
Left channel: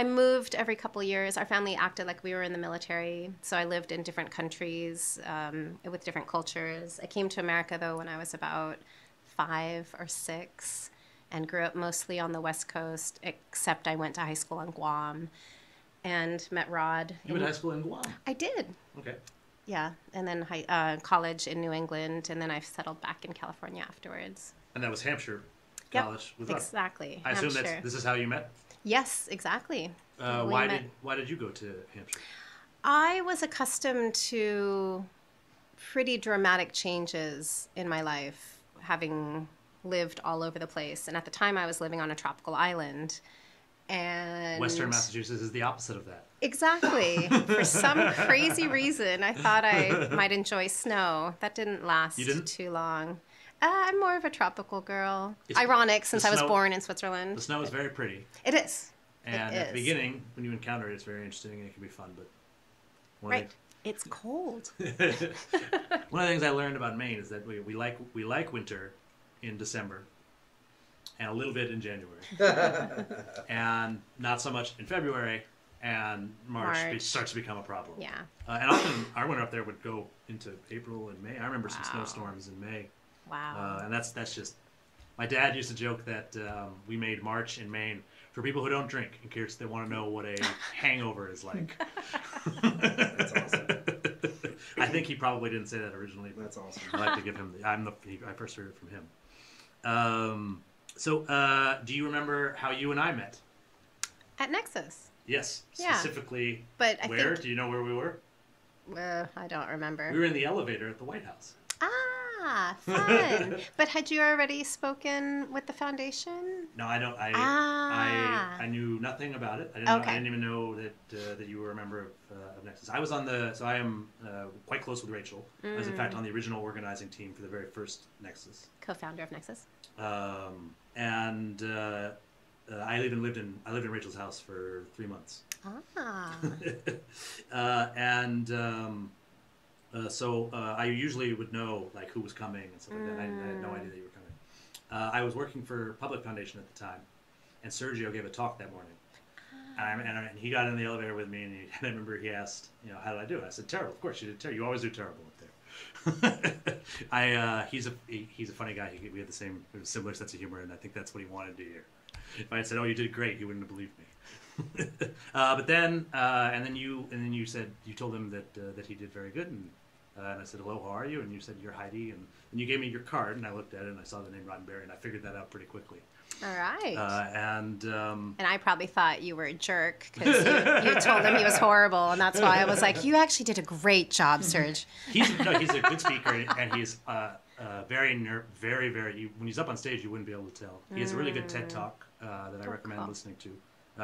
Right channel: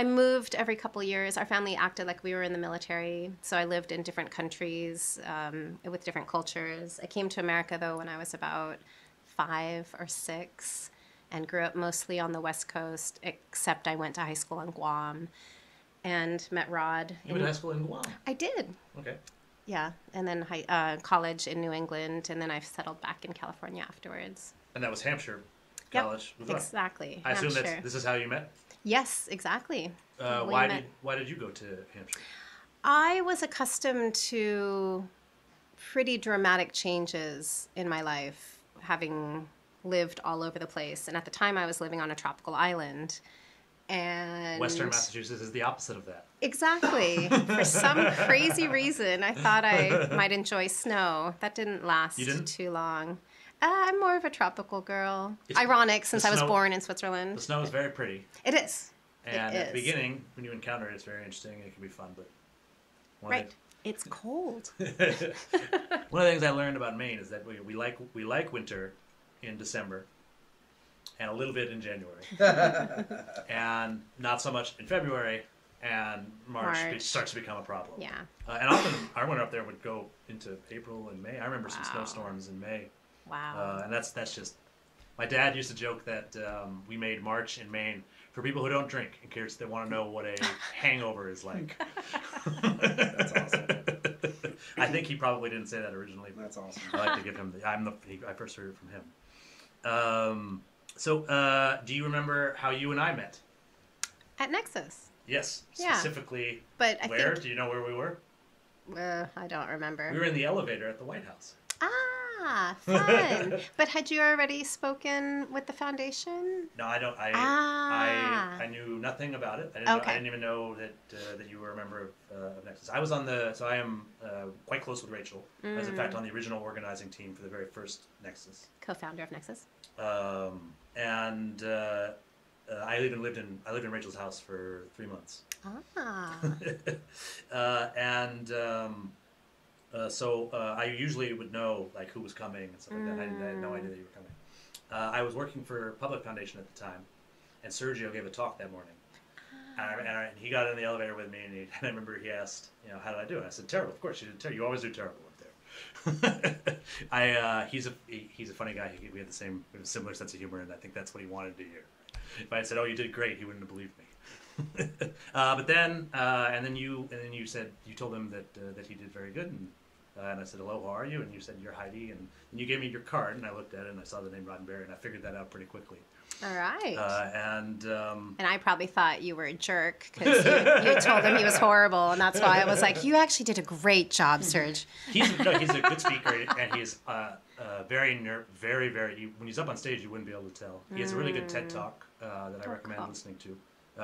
I moved every couple of years. Our family acted like we were in the military, so I lived in different countries with different cultures. I came to America, though, when I was about 5 or 6 and grew up mostly on the West Coast, except I went to high school in Guam and met Rod. You went to high school in Guam. I did. Okay. Yeah, and then college in New England, and then I settled back in California afterwards. And that was Hampshire College with Rod. Exactly. I assume Hampshire. this is how you met. Yes, exactly. Why did you go to Hampshire? I was accustomed to pretty dramatic changes in my life, having lived all over the place. And at the time, I was living on a tropical island. And Western Massachusetts is the opposite of that. Exactly. For some crazy reason, I thought I might enjoy snow. That didn't last You didn't? too long. I'm more of a tropical girl. It's ironic, the since snow- I was born in Switzerland. The snow is very pretty. It is. And at the beginning, when you encounter it, it's very interesting and it can be fun. But one of It's cold. the things I learned about Maine is that we like winter in December and a little bit in January, and not so much in February, and March starts to become a problem. Yeah. And often our winter up there would go into April and May. I remember some snowstorms in May, and that's just. My dad used to joke that we made March in Maine for people who don't drink, in case they want to know what a hangover is like. I think he probably didn't say that originally, but That's awesome. I like to give him I first heard it from him. So, do you remember how you and I met? At Nexus. Yes, specifically But where? Do you know where we were? I don't remember. We were in the elevator at the White House. Fun. But had you already spoken with the foundation? No, I don't. I knew nothing about it. I didn't know. I didn't even know that you were a member of Nexus. I was on so I am quite close with Rachel. I was in fact on the original organizing team for the very first Nexus. Co-founder of Nexus. And I even lived in Rachel's house for 3 months. So I usually would know like who was coming and stuff like that. And I had no idea that you were coming. I was working for Public Foundation at the time, and Sergio gave a talk that morning. And he got in the elevator with me, and I remember he asked, how did I do? And I said, terrible. Of course you did terrible. You always do terrible up there. He's a funny guy. We have a similar sense of humor, and I think that's what he wanted to hear. If I had said, "Oh, you did great," he wouldn't have believed me. But then, and then you said you told him that he did very good, and I said, "Hello, how are you?" And you said, "You're Heidi," and then you gave me your card, and I looked at it, and I saw the name Roddenberry, and I figured that out pretty quickly. All right. And I probably thought you were a jerk. It was horrible, and that's why I was like, "You actually did a great job." He's a good speaker, and he's very, when he's up on stage, you wouldn't be able to tell. He has a really good TED Talk that I recommend listening to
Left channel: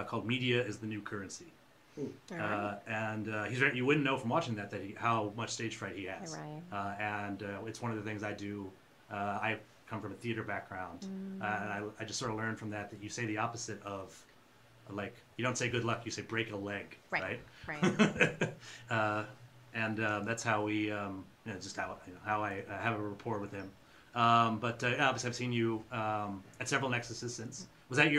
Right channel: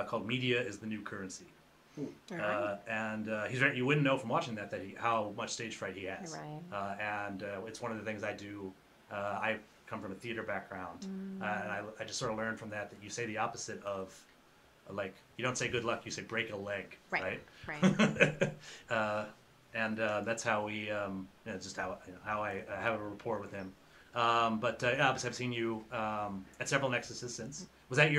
called "Media is the New Currency." You wouldn't know from watching that how much stage fright he has. It's one of the things I do. I come from a theater background, and I just sort of learned from that you say the opposite of, like, you don't say good luck, you say break a leg, right? That's how we, just how I have a rapport with him. I've seen you at several Nexuses since. Was that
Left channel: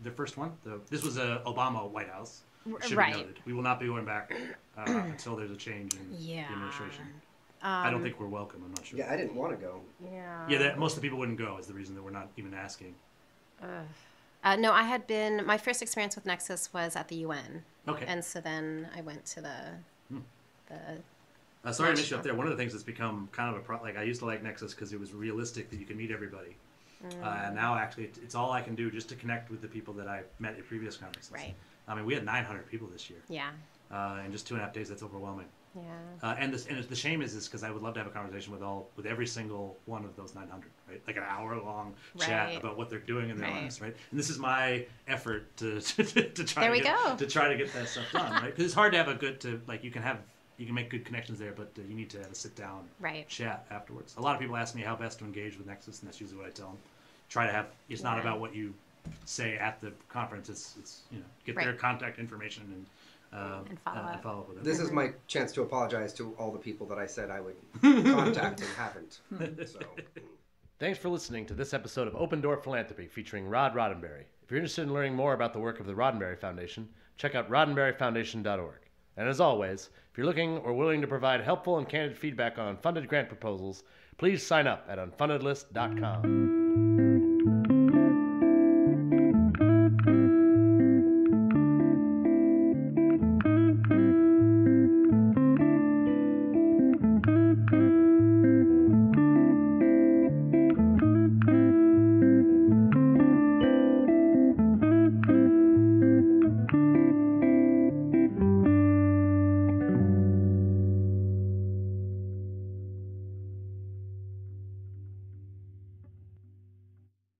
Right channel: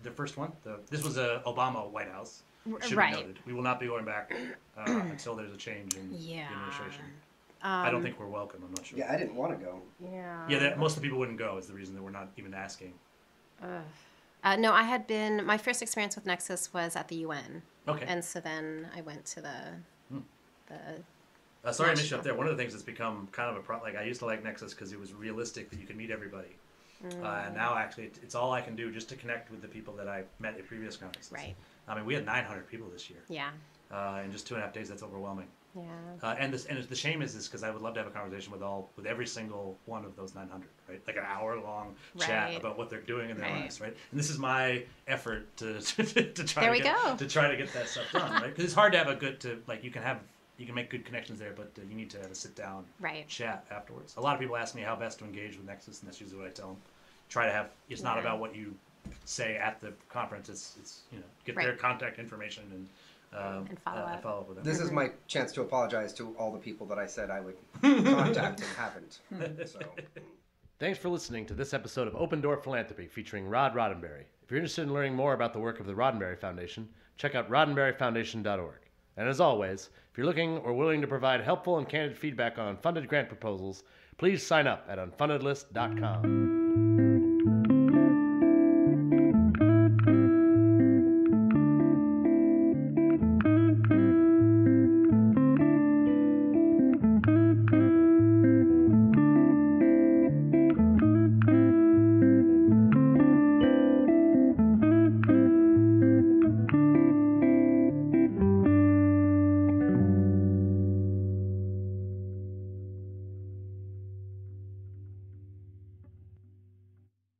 the first one? This was a Obama White House. It should be noted. We will not be going back until there's a change in the administration. I don't think we're welcome. I'm not sure. Yeah, I didn't want to go. Yeah, most of the people wouldn't go is the reason that we're not even asking. No, I had been. My first experience with Nexus was at the UN. Okay. And so then I went to the. Sorry to miss you up there. One of the things that's become kind of I used to like Nexus because it was realistic that you could meet everybody. And now actually it's all I can do just to connect with the people that I met at previous conferences. Right. I mean, we had 900 people this year. Yeah. In just 2.5 days. That's overwhelming. And the shame is because I would love to have a conversation with every single one of those 900, right? Like an hour-long chat about what they're doing in their lives, right? And this is my effort to try to get that stuff done, right? Because it's hard to have you can make good connections there, but you need to have a sit-down chat afterwards. A lot of people ask me how best to engage with Nexus, and that's usually what I tell them. Try to have. It's not about what you say at the conference. It's get their contact information and follow up with them. This is my chance to apologize to all the people that I said I would contact and haven't. So. Thanks for listening to this episode of Open Door Philanthropy featuring Rod Roddenberry. If you're interested in learning more about the work of the Roddenberry Foundation, check out roddenberryfoundation.org. And as always, if you're looking or willing to provide helpful and candid feedback on funded grant proposals, please sign up at unfundedlist.com.